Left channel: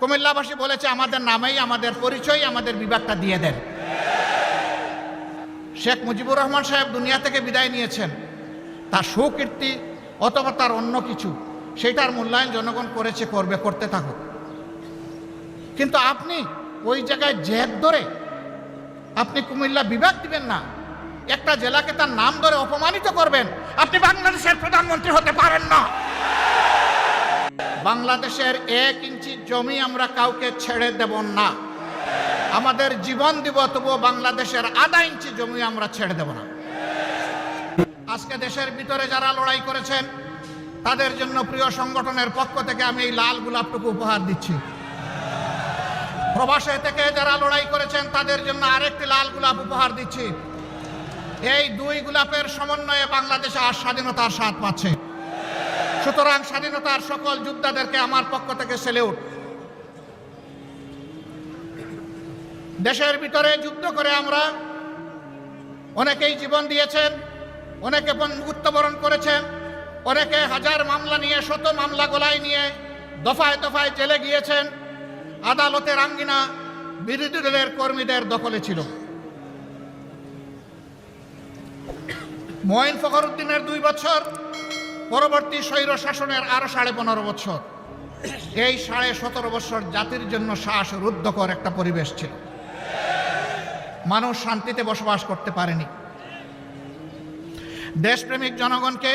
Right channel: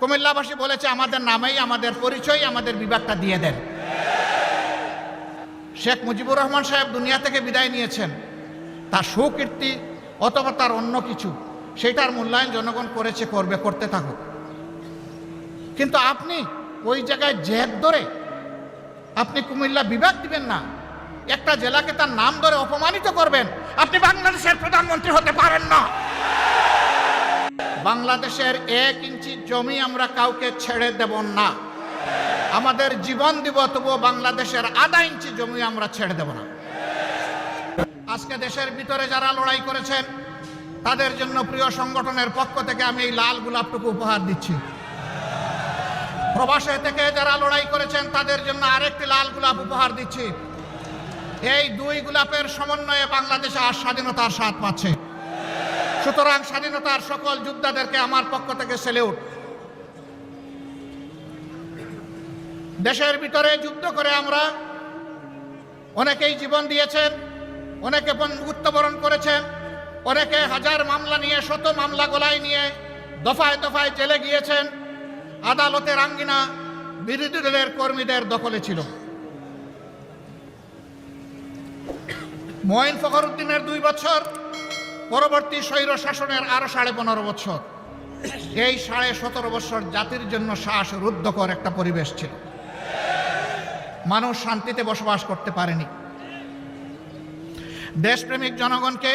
কুমিল্লাবাসী বলেছে আমাদের নামেই আমাদের পরিচয়, আমাদের বিভাগটা দিয়ে দেন। শেখ মুজিবুর রহমান সাহেব দুনিয়া থেকে বিদায় নিয়েছেন, তার সুকীর্তি অথবা তার অন্য কিছু, সেটার মূল্যায়ন জনগণ করেছে, করবে, করতে থাকুক। কিন্তু আপনি ওই জায়গায় জেদ ধরে আপনি কুমিল্লা বিভাগ দিবেন না, একটা জেলাকে তার নাম ধরে অপমানিত করবেন। আপনি বাংলাদেশের প্রধানমন্ত্রী হতে পারেন না। বাংলাদেশের 1 ইঞ্চি জমি আমরা কাউকে ছেড়ে দেব না। আমাদের জীবন দিব, তবুও বাংলাদেশের আধা ইঞ্চি জমি আমরা ছেড়ে দেব না। আজকে দেশের ভিতরে যারা লড়াই করেছেন তাদের জন্য প্রিয় সংগঠনের পক্ষ থেকে আমি এই লাল গোলাপটুকু উপহার দিচ্ছি। প্রবাসে থেকে যারা লড়াই করেছেন তাদের জন্য আরেকটি লাল গোলাপ উপহার দিচ্ছি। এই 2 গোলাপের সমন্বয়ে বাংলাদেশে আর স্বাধীনতার স্বাদ পাচ্ছে। সুতরাং স্বাধীনতার সকল যোদ্ধাদেরকে আমার পক্ষ থেকে সেলিউট। দেশের ভিতরে যুদ্ধ করে আমরা অনেকেই জীবন দিয়েছেন, অনেকে মৃত্যুবরণ করেছেন, অনেকে হাজার মামলা নিয়ে, শত মামলা গলায় নিয়ে দফায় দফায় জেলে গিয়েছেন। আদালতের আঙ্গিনা বিরোধী দলের কর্মীদের দখলে ছিল। মঈন ফখরুদ্দিনের 2 বছর, পরবর্তী স্বৈর শাসনের আরো 15.5 বছর। এই 17.5 বছর জাতির জন্য শ্বাসরুদ্ধকর একটা পরিবেশ ছিল। মানুষ শান্তিতে বসবাস করতে পারেনি। দেশপ্রেমিক জনগণকে,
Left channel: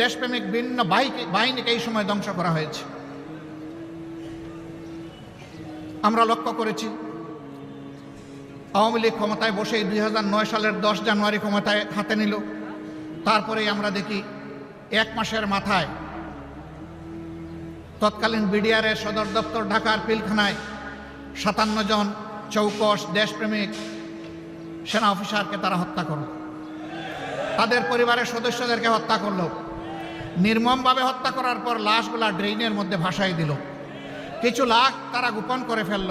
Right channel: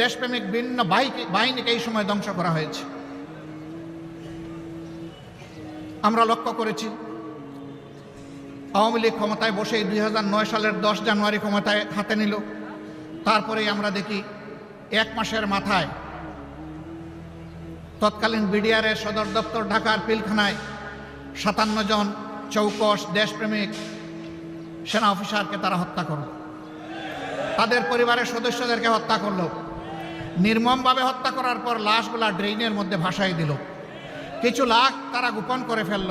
দেশপ্রেমিক ভিন্ন বাহিনীকে এই সময় ধ্বংস করা হয়েছে। আমরা লক্ষ্য করেছি আওয়ামী লীগ ক্ষমতায় বসে 2009 সালের 10 জানুয়ারি ক্ষমতায় হাতে নিল। তারপরে আমরা দেখি 1 মাসের মাথায় তৎকালীন বিডিআরের সদর দপ্তর ঢাকার পিলখানায় 57 জন চৌকস দেশপ্রেমিক সেনা অফিসারকে তারা হত্যা করল। তাদের পরিবারের সদস্যদেরকে হত্যা করল। নির্মমভাবে হত্যা করার পর লাশগুলা ড্রেইনের মধ্যে ভাসাই দিল। কিছু লাশ তারা গোপন করে ফেলল।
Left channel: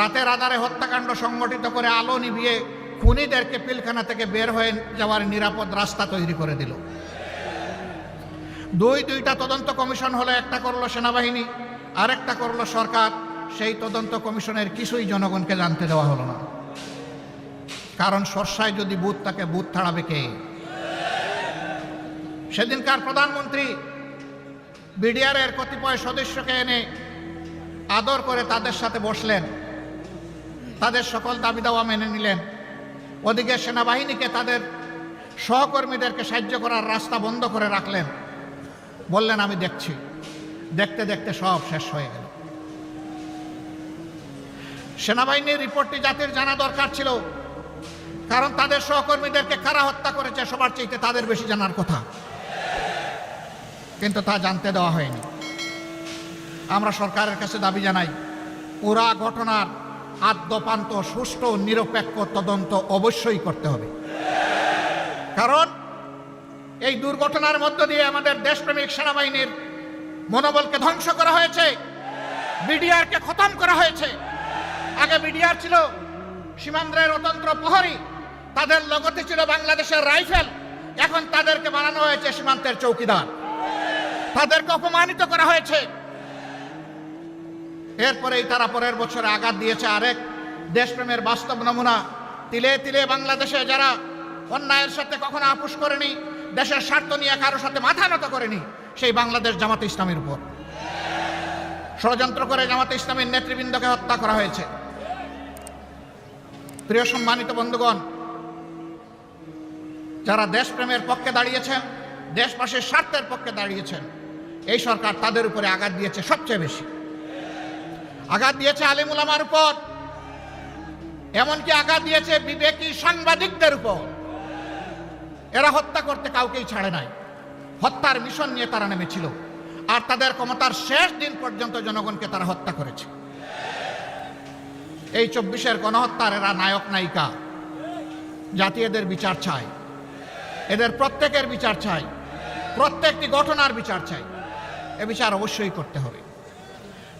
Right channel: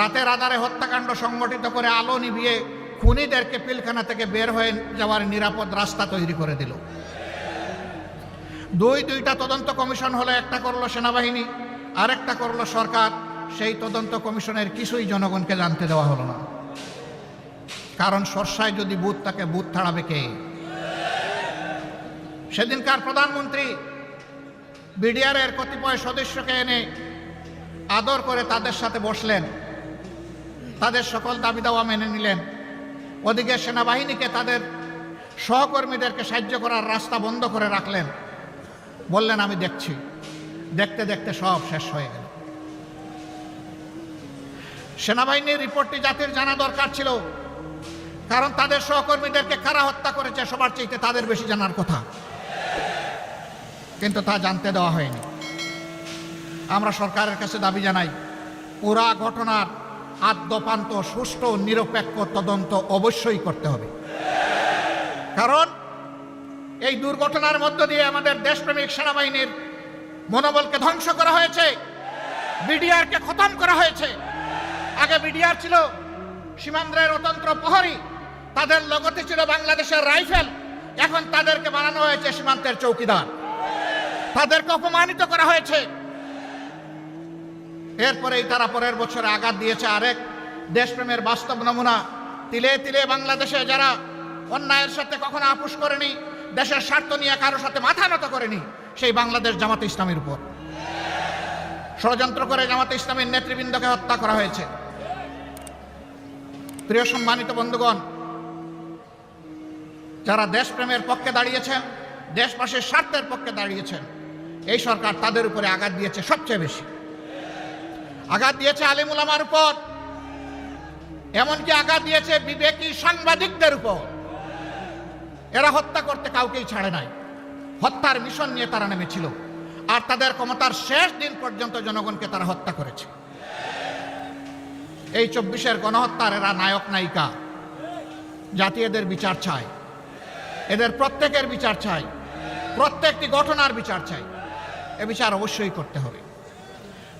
রাতের আধারে হত্যাকাণ্ড সংগঠিত করে আলো নিভিয়ে খুনিদেরকে পিলখানা থেকে বের হয়ে যাওয়ার নিরাপদ রাস্তা তৈরি করে দিল। 2টা তদন্ত কমিশন হলো, একটা করলো সেনাবাহিনী, আরেকটা করলো সরকার। সেই তদন্ত কমিশনের কিছুই জনগণকে জানতে দেওয়া হলো না। কারণ সরসায় যদি বুথ থাকে, বুথ ছাড়াবে কে? সেদিনকার প্রধানমন্ত্রী বিডিআরের কতিপয় সদস্যকে এনে আদর করে তাদের সাথে বসলেন, তাদের সকল দাবি দাওয়া মেনে নিলেন। ওদিকে সেনাবাহিনীকে তাদের সহকর্মীদেরকে সাহায্য করার রাস্তা বন্ধ করে রাখলেন। বললেন আমি দেখছি। দেখতে দেখতে সব শেষ হয়ে গেল। সেনাবাহিনীর রিপোর্টটি জাতির জানা দরকার ছিল, কারণ তাদের সহকর্মীদেরকে কারা হত্যা করেছে সবার চাইতে তাদের বেশি জানার কথা, কিন্তু তা জানতে দেওয়া হয়নি। আমরা সরকারের কাছে দাবি জানাই, পুরো ঘটনার আদ্যপান্ত সুষ্ঠু নিরপেক্ষ তদন্ত অবশ্যই করতে হবে। কারণ এই দুর্ঘটনার মধ্য দিয়ে আমাদের দেশপ্রেমিক সেনাবাহিনীর মনোবলকে ধ্বংস করা হয়েছে, বিডিআরকে খতম করা হয়েছে। আগে বিডিআর ছিল সীমান্তের অতন্ত্র প্রহরী, তাদের লগতে ছিল বাংলাদেশের রাইফেল। এখন তাদেরকে বানানো হয়েছে সীমান্তের চৌকিদার, তাদেরকে অপমানিত করা হয়েছে। এরপরেই তারা পরের বছরে আঘাত দিয়েছে আরেক দেশপ্রেমের বাস্তব নমুনা। তিলে তিলে বাংলাদেশে যারা অন্যায়ের সাথে কখনো আপোষ করেনি, দেশের স্বার্থ নিয়ে কারোর সাথে মাথা নত করেনি, সেই বাংলাদেশ জামাতে ইসলামের উপর ষড়যন্ত্র করে জামাতে ইসলামের নেতৃবৃন্দকে হত্যা করা হয়েছে। প্রিয় সম্মানিত বন্ধুগণ, যারা দেশপ্রেমের পক্ষে দাঁড়িয়েছেন, দেশবাসীর স্বার্থের পক্ষে দাঁড়িয়েছেন, এই সরকার তাদের উপরে আঘাত দিয়েছে। সবচেয়ে বেশি আঘাত দিয়েছে আলেম ওলামার উপর, এমনকি আঘাত দিয়েছে বিবেকী সাংবাদিকদের উপর। এরা হত্যা করতে কাউকেই ছাড়ে নাই। হত্যার মিশন নিয়ে তারা নেমেছিল, আর তাদের ক্ষমতার শেষ দিন পর্যন্ত জনগণকে তারা হত্যা করেছে। এই 24-এর গণহত্যার এরা নায়ক নায়িকা। জাতি এদের বিচার চায়, এদের প্রত্যেকের বিচার চাই, প্রত্যেকটি ঘটনার বিচার চাই। এ বিচার অবশ্যই করতে হবে।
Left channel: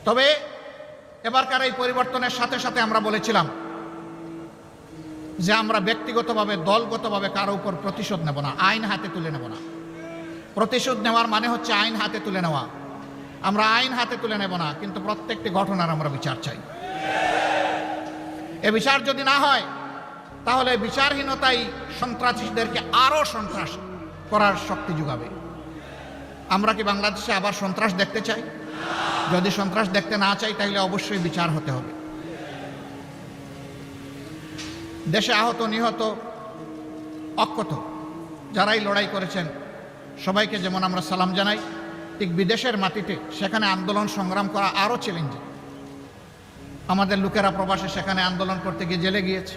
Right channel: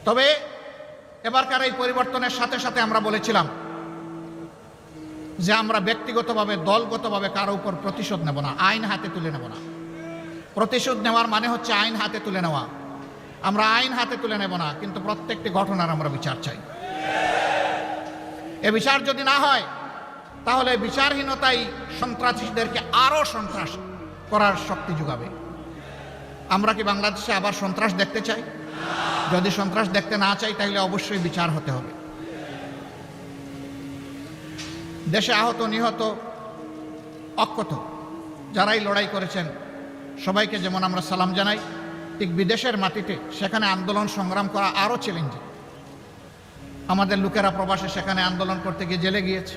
তবে এবারকার এই পরিবর্তনের সাথে সাথে আমরা বলেছিলাম যে আমরা ব্যক্তিগতভাবে, দলগতভাবে কারো উপর প্রতিশোধ নেব না, আইন হাতে তুলে নেব না। প্রতিশোধ নেওয়ার মানে হচ্ছে আইন হাতে তুলে নেওয়া। আমরা আইন হাতে তুলে নেব না, কিন্তু প্রত্যেকটি ঘটনার আমরা বিচার চাই। এ বিচার যদি না হয় তাহলে বিচারহীনতাই সন্ত্রাসীদেরকে আরো সন্ত্রাস করার শক্তি যোগাবে। আমরা কি বাংলাদেশে আবার সন্ত্রাস দেখতে চাই? যদি সন্ত্রাস দেখতে না চাই তাহলে অবশ্যই বিচার হতে হবে। দেশে আহত নিহত অক্ষত যারাই লড়াই করেছেন সবাইকে যেমন আমরা সালাম জানাই, ঠিক বিদেশের মাটিতে সেখানে আন্দোলন সংগ্রাম করা আরো চ্যালেঞ্জিং। আমাদের লোকেরা প্রবাসে সেখানে আন্দোলন করতে গিয়ে জেলে গিয়েছে,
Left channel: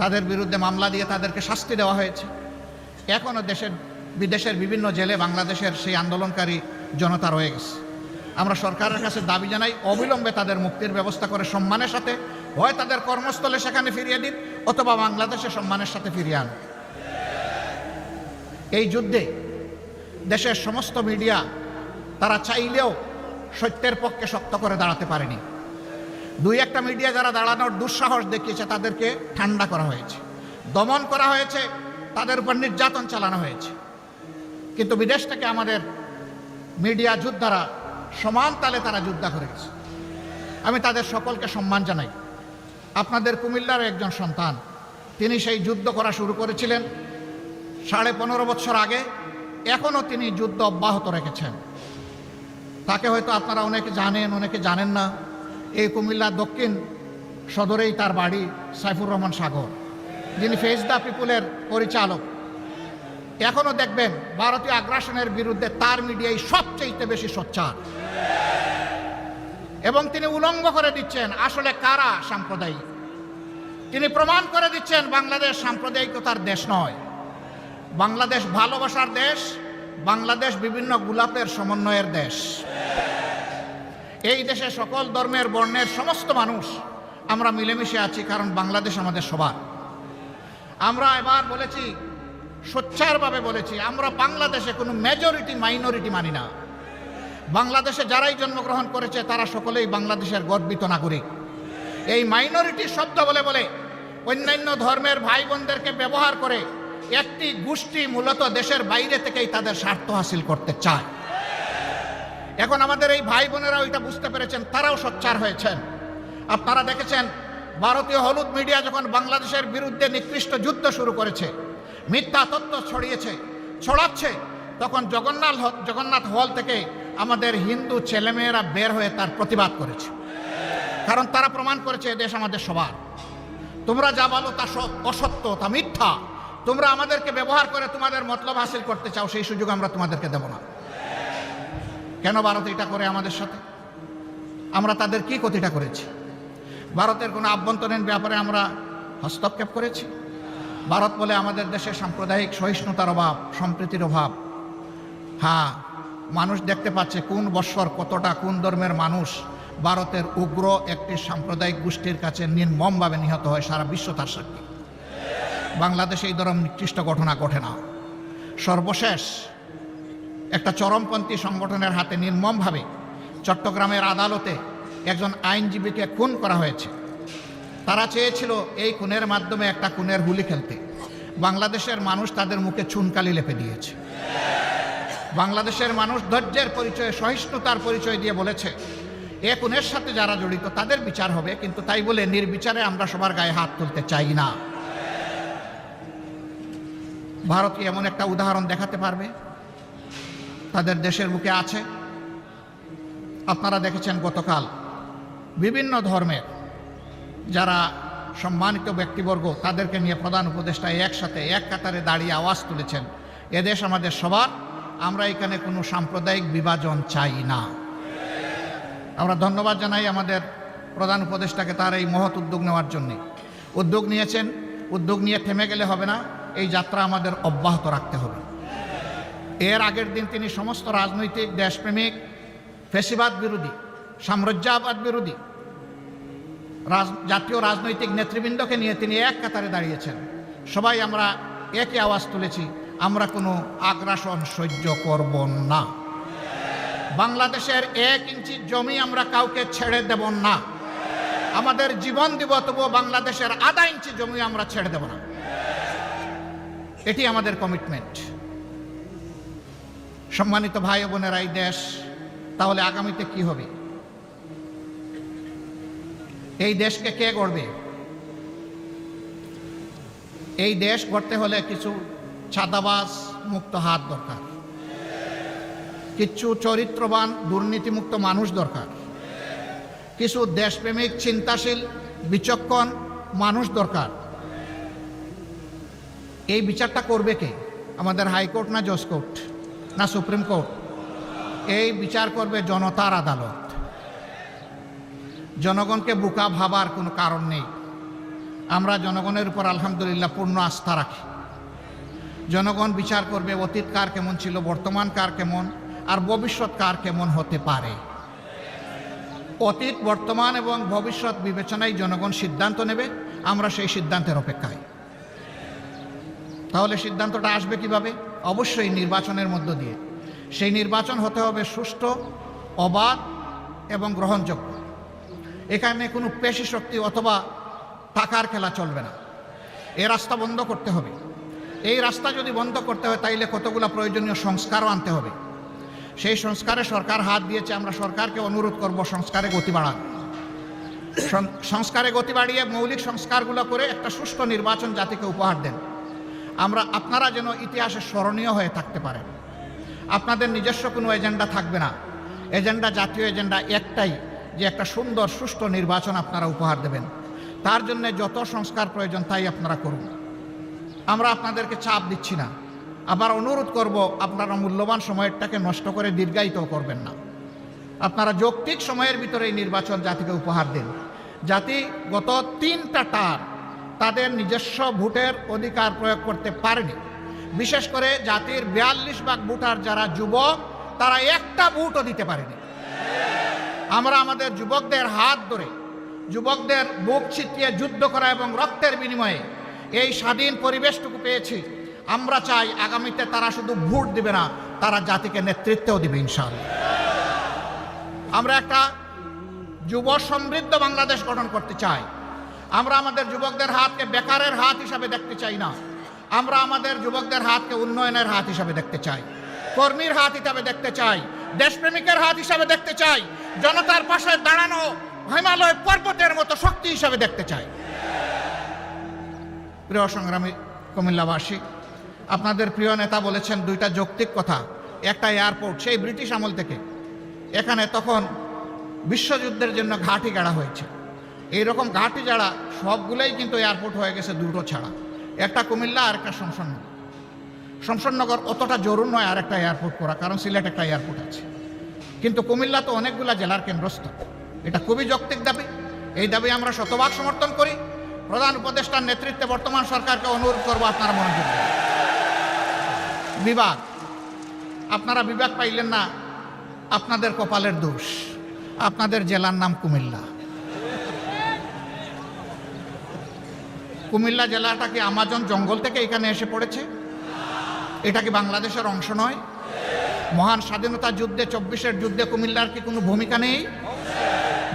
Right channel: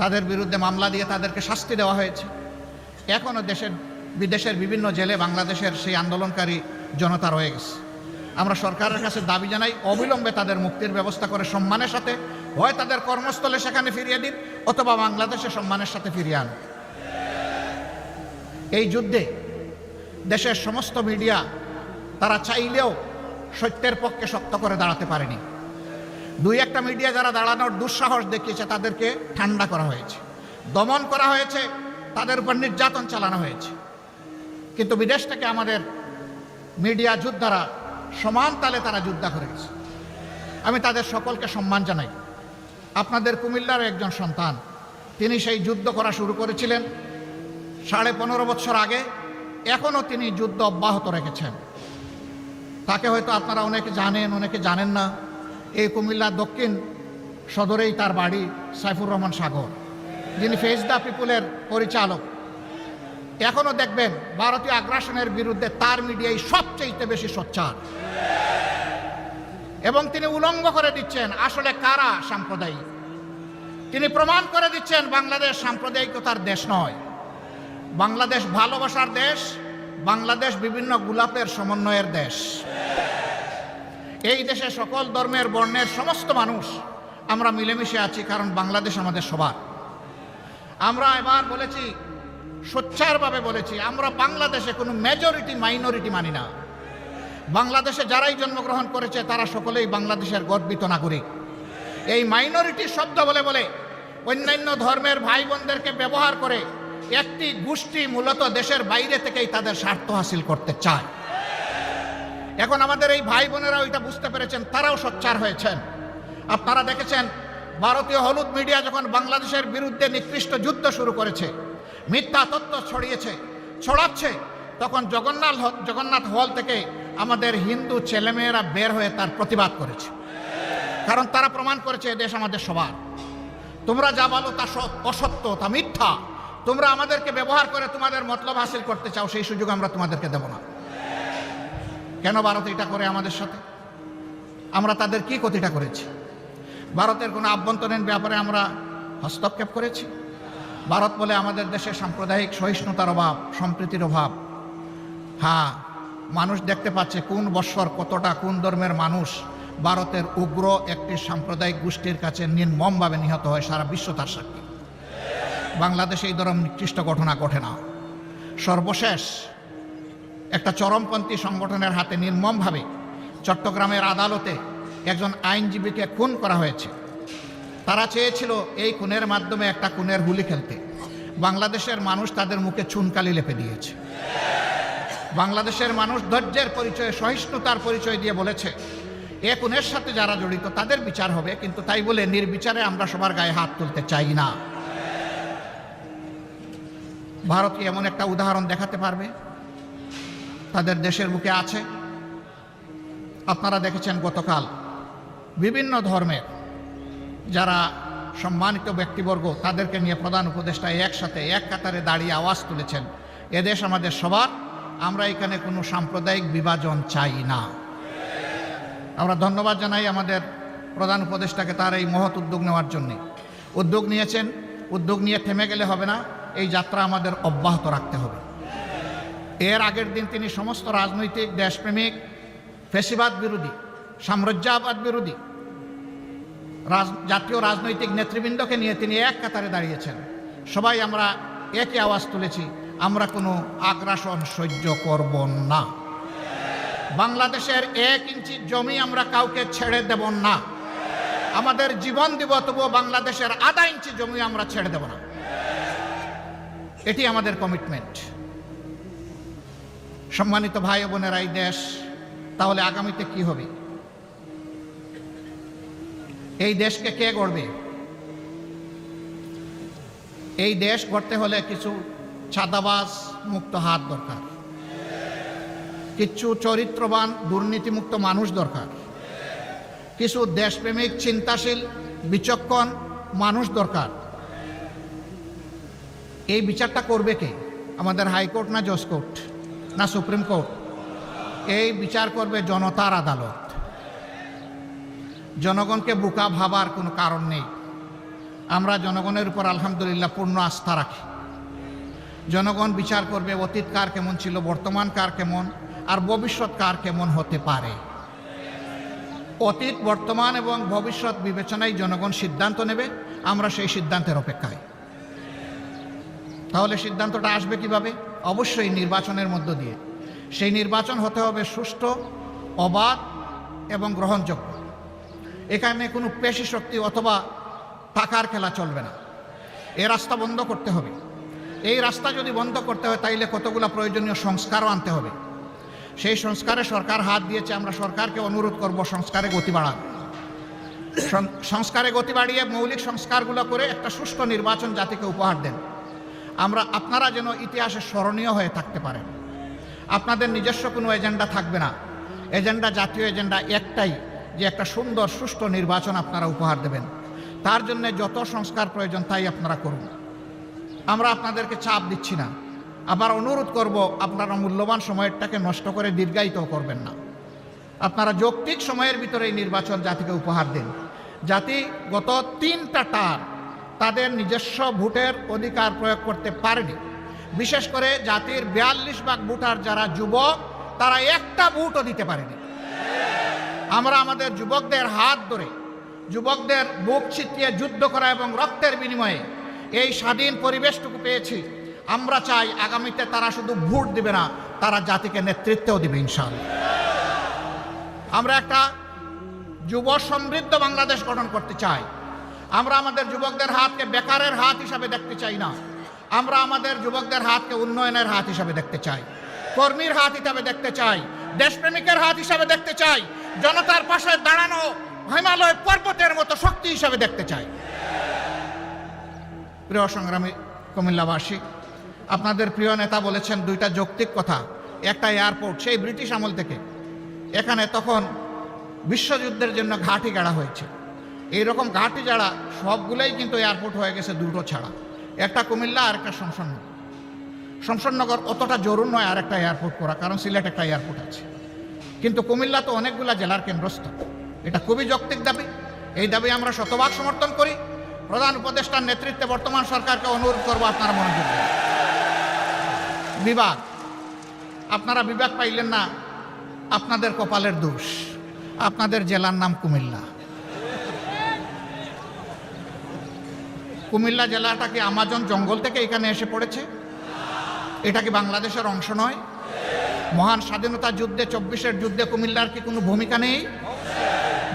তাদের বিরুদ্ধে মামলা দিয়ে তাদেরকে শাস্তি দেওয়া হয়েছে। এখনো বিদেশের বিভিন্ন জেলে বাংলাদেশের সেই আন্দোলনকারী জনতা রয়ে গেছে। আমরা সরকারের কাছে দাবি জানাই, অবিলম্বে তাদের মুক্তির ব্যবস্থা করে সম্মানের সাথে হয় তাদের কর্মস্থলে সেখানে ফিরিয়ে দিন, অথবা বাংলাদেশে সম্মানের সাথে ফিরিয়ে আন। এই যুদ্ধে দেশের সমস্ত মিডিয়া তারা চাইলেও সত্যের পক্ষে সত্য করে দাঁড়াতে পারবে। দুই একটা মিডিয়া যারা দাঁড়ানোর দুঃসাহস দেখিয়েছে তাদেরকে ঠান্ডা করা হয়েছে, দমন করা হয়েছে, তাদের উপর নির্যাতন চালানো হয়েছে। কিন্তু বিদেশ থেকে আমাদের মিডিয়া যোদ্ধারা সমান তালে তারা যুদ্ধ করেছে। আমি তাদের সকলকে সম্মান জানাই। আপনাদের কুমিল্লার একজন সন্তান, তিনি সেই যুদ্ধ করা শুরু করেছিলেন 15.5 বছর আগে, এখনো তিনি যুদ্ধ অব্যাহত রেখেছেন। তাকে হয়তো আপনারা অনেকে জানেন, অনেকে জানেন না। এই কুমিল্লার দক্ষিণ সদরেই তার বাড়ি। সাইফুর রহমান সাগর, যিনি ফেস দ্য পিপুলের পরিচালক। এখনো দেখবেন ভারতীয় আগ্রাসনের বিরুদ্ধে তার মিডিয়ায় সবচেয়ে বেশি সোচ্চার, এবং তিনি উলঙ্গ করে দিচ্ছেন আসলে কারা সাম্প্রদায়িক। তিনি প্রমাণ করে দিচ্ছেন বাংলাদেশ সাম্প্রদায়িকতার দেশ নয়, বাংলাদেশ ভালোবাসার দেশ, বাংলাদেশ বিভিন্ন গোলাপের সমন্বয়ের দেশ। এই দেশে সকল ধর্মের বর্ণের সমস্ত মানুষ আমরা মিলেমিশে আছি, কারণ বাংলাদেশ আমাদের সবার। আমরা এবার বলেছি, সোচ্চারভাবে বলেছি, আমরা বাংলাদেশে কোনো মেজরিটি মাইনরিটি মানি না। বাংলাদেশে যারাই জন্মগ্রহণ করেছে তারা সকলেই বাংলাদেশের গর্বিত নাগরিক। এই মাইনরিটি শব্দ বলে বলে অন্যান্য ধর্মের ভাই বোনদেরকে ব্যবহার করে একটি গোষ্ঠী মূলত দেশের বাইরে থেকেই তাদের স্বার্থ হাসিল করতে চায়। এখন আমাদের এই ভাই বোনেরা ওইটা বুঝতে পেরেছেন, তারাও সোচ্চার হয়েছেন। আপনারা দেখেছেন ভারতীয় হলুদ মিডিয়া যখন বাংলাদেশের বিরুদ্ধে নিকৃষ্ট যুদ্ধ শুরু করেছে, মিথ্যা তথ্য ছড়াচ্ছে, তখন জগন্নাথ হল থেকে আমাদের হিন্দু ছেলেমেয়েরা বের হয়ে তার প্রতিবাদ করেছে। কারণ তারা প্রমাণ করেছে এদেশ আমাদের সবার। তোমরা যা বলো তা অসত্য, তা মিথ্যা। তোমরা আমাদেরকে ব্যবহার করে তোমাদের মতলব হাসিল করতে চাও, সেই সুযোগ আমরা তোমাদেরকে দেব না। কেন ভারত এটা করে আমাদের সাথে? আমরা তাদের কি ক্ষতিটা করেছি? ভারতের কোনো আভ্যন্তরীণ ব্যাপারে আমরা হস্তক্ষেপ করেছি? ভারত বলে আমাদের দেশে সাম্প্রদায়িক সহিষ্ণুতার অভাব, সম্প্রীতির অভাব। হ্যাঁ, মানুষ দেখতে পাচ্ছে কোন বৎসর কতটা কোন ধর্মের মানুষ ভারতের উগ্র একটি সাম্প্রদায়িক গোষ্ঠীর কাছে নির্মমভাবে নিহত হয়। সারা বিশ্ব তার সাক্ষী। বাংলাদেশে এই ধরনের নিকৃষ্ট ঘটনা ঘটে না। সর্বশেষ একটা চরমপন্থী সংগঠনের হাতে নির্মমভাবে চট্টগ্রামের আদালতে একজন আইনজীবীকে খুন করা হয়েছে। তারা চেয়েছিল এই খুনের মাধ্যমে একটা খুনের হুলি খেলতে। বাংলাদেশের মানুষ তাদের মুখে চুনকালি লেপে দিয়েছে। বাংলাদেশের মানুষ ধৈর্যের পরিচয়, সহিষ্ণুতার পরিচয় দিয়ে বলেছে এ খুনের সাথে যারা জড়িত তাদের বিচার হবে, কিন্তু তাই বলে নির্বিচারে আমরা সবার গায়ে হাত তুলতে চাই না। ভারত কি এমন একটা উদাহরণ দেখাতে পারবে? তাদের দেশের বুকে আছে। আপনারা দেখেছেন গতকাল বিভিন্ন ধর্মের যারা সম্মানিত ব্যক্তিবর্গ তাদেরকে নিয়ে প্রধান উপদেষ্টা একসাথে এক কাতারে দাঁড়িয়ে আওয়াজ তুলেছেন, এদেশ আমাদের সবার, আমরা এখানে কোনো সাম্প্রদায়িক বিভাজন চাই না। আমরা ধন্যবাদ জানাই আমাদের প্রধান উপদেষ্টাকে তার এই মহৎ উদ্যোগ নেওয়ার জন্য। উদ্যোগ নিয়েছেন, উদ্যোগ নিয়ে থেমে গেলে হবে না, এই যাত্রা আমাদের অব্যাহত রাখতে হবে। এর আগের দিন তিনি সমস্ত রাজনৈতিক, দেশপ্রেমিক, ফ্যাসিবাদ বিরোধী, সাম্রাজ্যবাদ বিরোধী জাতীয় রাজনৈতিক নেতৃবৃন্দকে নিয়ে তিনি এক কাতারে দাঁড়িয়েছেন। সবাই আমরা একই আওয়াজ তুলেছি, আমরা কোনো আগ্রাসন সহ্য করব না। বাংলাদেশের 1 ইঞ্চি জমি আমরা কাউকে ছেড়ে দেব না। আমাদের জীবন দিব, তবুও বাংলাদেশের আধা ইঞ্চি জমি আমরা ছেড়ে দেব না। এটি আমাদের কমিটমেন্ট। সম্মানিত ভাই বোনেরা, এই দেশ তাহলে আগামীতে কি হবে? এই দেশকে কে গড়বে? এই দেশ গড়তে হলে কিছু ছাদাবাজ মুক্ত হাত দরকার, কিছু চরিত্রবান দুর্নীতিমুক্ত মানুষ দরকার, কিছু দেশপ্রেমিক চিন্তাশীল বিচক্ষণ মানুষ দরকার। এই বিচারটা করবে কে? আমাদের হাইকোর্ট না জজ কোর্ট না সুপ্রিম কোর্ট? এই বিচার করবে জনতার আদালত। জনগণকে বোকা ভাবার কোনো কারণ নেই। আমরা জনগণের উপর আলহামদুলিল্লাহ পূর্ণ আস্থা রাখি। জনগণ বিচার করবে অতীত কার কেমন ছিল, বর্তমান কার কেমন, আর ভবিষ্যৎ কার কেমন হতে পারে। অতীত, বর্তমান এবং ভবিষ্যৎ বিবেচনায় জনগণ সিদ্ধান্ত নেবে। আমরা সেই সিদ্ধান্তের অপেক্ষায়। তাহলে সিদ্ধান্তটা আসবে কিভাবে? অবশ্যই নির্বাচনের মধ্য দিয়ে। সেই নির্বাচন হতে হবে সুষ্ঠু, অবাধ এবং গ্রহণযোগ্য। এখানে কোনো পেশি শক্তি অথবা টাকার খেলা চলবে না। এই রাস্তা বন্ধ করতে হবে। এই রাস্তা যদি বন্ধ করতে হয় তাইলে কতগুলো প্রয়োজনীয় সংস্কারও আনতে হবে। সেই সংস্কারে সরকার হাত দিয়েছে। আমরা সরকারকে অনুরোধ করব সংস্কারে গতি বাড়ান। সংস্কারে গতি বাড়িয়ে মৌলিক সংস্কারগুলো করে একটা সুষ্ঠু নির্বাচন জাতিকে উপহার দেন। আপনারা যেন ইতিহাসে স্মরণীয় হয়ে থাকতে পারেন। আপনাদের নিজস্ব কোনো এজেন্ডা থাকবে না। এজেন্ডা জাতীয় এজেন্ডা একটাই, একটি সুন্দর সুষ্ঠু নির্বাচন আপনারা উপহার দেবেন। তার জন্য যত সংস্কার প্রয়োজন তাই আপনারা করুন। আমরা আপনাদেরকে চাপ দিচ্ছি না। আবার অনুরোধ করব, আপনারা মূল্যবান সময়টাকে নষ্ট করে দীর্ঘায়িত করবেন না। আপনারা যৌক্তিক সময়ের ভিতরে এই নির্বাচন জাতিকে উপহার দিন। জাতি গত 3টা টার্ম তাদের নিজস্ব ভোটের অধিকার প্রয়োগ করতে পারেনি। বিশেষ করে জাতির 42 ভাগ ভোটার যারা যুবক, তারা একটা ভোটও দিতে পারেনি। আমরা আমাদের যুবকদের হাত ধরে, যুবকদের বুক ছিটিয়ে যুদ্ধ করা এবং রক্তের বিনিময়ে এই স্বাধীন পরিবেশটুকু পেয়েছি। আমরা চাই আগামীতে তারা শুধু ভোট দিবে না, তারা জাতিকে নেতৃত্বও দিবে ইনশাআল্লাহ। আমরা একটা যুব সমৃদ্ধ বাংলাদেশ গঠন করতে চাই। আমরা আমাদের যুবকদের হাতকে বেকারের হাত হিসাবে দেখতে চাই না। আমরা আমাদের যুবকদের হাতকে উন্নয়নের হাত হিসাবে দেখতে চাই, কর্মীর হাত হিসাবে দেখতে চাই, দেশপ্রেমিকের হাত হিসাবে দেখতে চাই, জনতার পাশে দাঁড়ানো হিমালয় পর্বতের মতো শক্তি হিসাবে দেখতে চাই। প্রিয় সংগ্রামী কুমিল্লাবাসী, আপনাদের প্রিয় নেতা বলেছেন 2টা যৌক্তিক কথা। একটা এয়ারপোর্ট, সেই ব্রিটিশ আমল থেকে এখানে তখন বিশ্বযুদ্ধের জন্য ঘাঁটি গাড়া হয়েছে। এইরকম ঘাঁটি গাড়া সবগুলোই কিন্তু এয়ারপোর্ট হয়ে গেছে 2টো ছাড়া। একটা কুমিল্লা আর একটা শমশাননগর। অতটা জরুরি নয় আর একটা এয়ারপোর্ট করা, কারণ সিলেট একটা এয়ারপোর্ট আছে। কিন্তু কুমিল্লা তো অনেকগুলা জেলার কেন্দ্রস্থল। এটা খুবই যৌক্তিক দাবি। এই দাবি আমরা শতভাগ সমর্থন করি। প্রধান উপদেষ্টার নেতৃত্বে বর্তমান সরকারকে অনুরোধ করবো আপনারা মনোযোগ দিন। বিভাগ, আপনারা বিভাগ পাইলেন না, আপনাদের কপালের দোষ। আপনাদের জেলার নাম কুমিল্লা। কুমিল্লা জেলাটাকে আমাজন জঙ্গল থেকে এখানে এসে পড়েছে। এটা কি বাংলাদেশের অংশ নয়? মহান স্বাধীনতা যুদ্ধে 24-এর যুদ্ধে কুমিল্লার কি কোনো ভূমিকা নেই?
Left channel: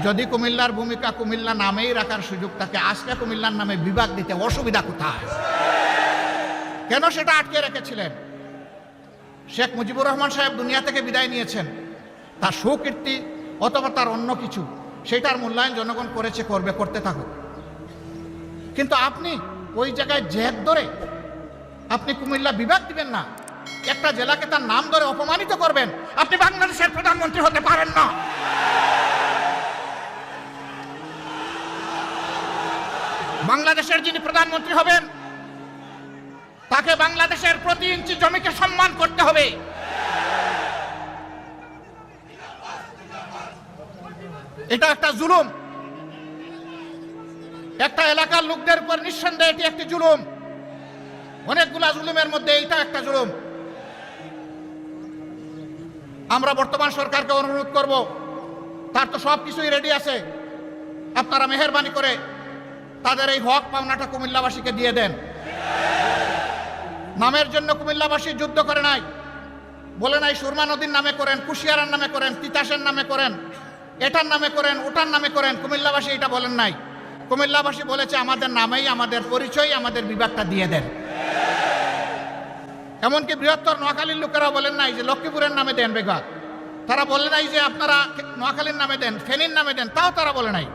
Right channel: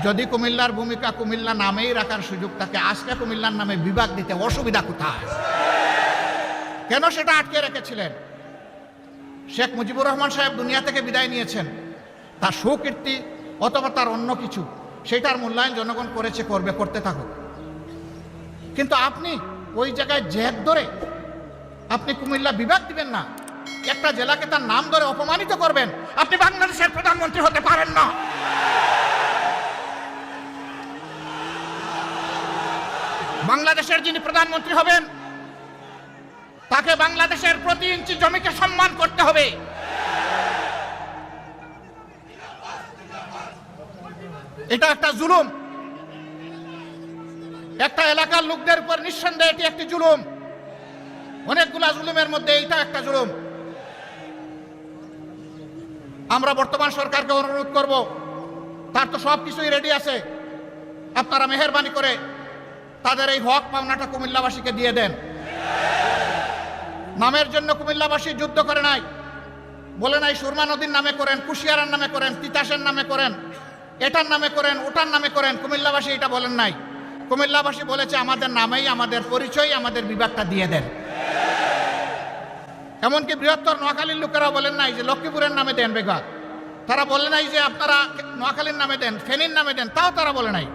যদি কুমিল্লার ভূমিকা কুমিল্লা নামেই রাখার সুযোগ থাকে, আসলে কুমিল্লার নামে বিভাগ দিতে অসুবিধা কোথায়? কেন সেটা আটকে রেখেছিলেন? শেখ মুজিবুর রহমান সাহেব দুনিয়া থেকে বিদায় নিয়েছেন। তার সুকীর্তি অথবা তার অন্য কিছু, সেটার মূল্যায়ন জনগণ করেছে, করবে, করতে থাকুক। কিন্তু আপনি ওই জায়গায় জেদ ধরে আপনি কুমিল্লা বিভাগ দিবেন না, একটা জেলাকে তার নাম ধরে অপমানিত করবেন। আপনি বাংলাদেশের প্রধানমন্ত্রী হতে পারেন না। বাংলাদেশের যিনি প্রধানমন্ত্রী হবেন তাকে বাংলাদেশের প্রতি ইঞ্চি জমিকে সম্মান করতে হবে। এটা একটা জুলুম। একটা এলাকার লোকদের উপর নিঃসন্দেহে এটি একটি জুলুম। অনেকগুলা জুলুমের মধ্যে এটা একটা জুলুম। আমরা বর্তমান সরকারকে অনুরোধ করব, তার তো সবকিছুই রেডি আছে, আপনারা মেহেরবানি করে তাদের এই হক পাওনাটা কুমিল্লাবাসীকে দিয়ে দেন। নামের জন্য কুমিল্লাবাসী যুদ্ধ করে নাই, বলে নাই সুরমা নদীর নামে করেন, কুশিয়ারার নামে করেন, তিতাসের নামে করেন, এটার নামে করেন, ওটার নামে করেন। কুমিল্লাবাসী এটা বলেন নাই। কুমিল্লাবাসী বলেছে আমাদের নামেই, আমাদের পরিচয়, আমাদের বিভাগটা দিয়ে দেন। এমনকি বৃহত্তর নোয়াখালীর লোকেরা বলেন নাই যে লক্ষ্মীপুরের নামে দেন বিভাগ, তারা বলে নাই যে আপনারা নোয়াখালীর নামে দেন, ফেনীর নামে দেন, তাও তারা বলে নাই।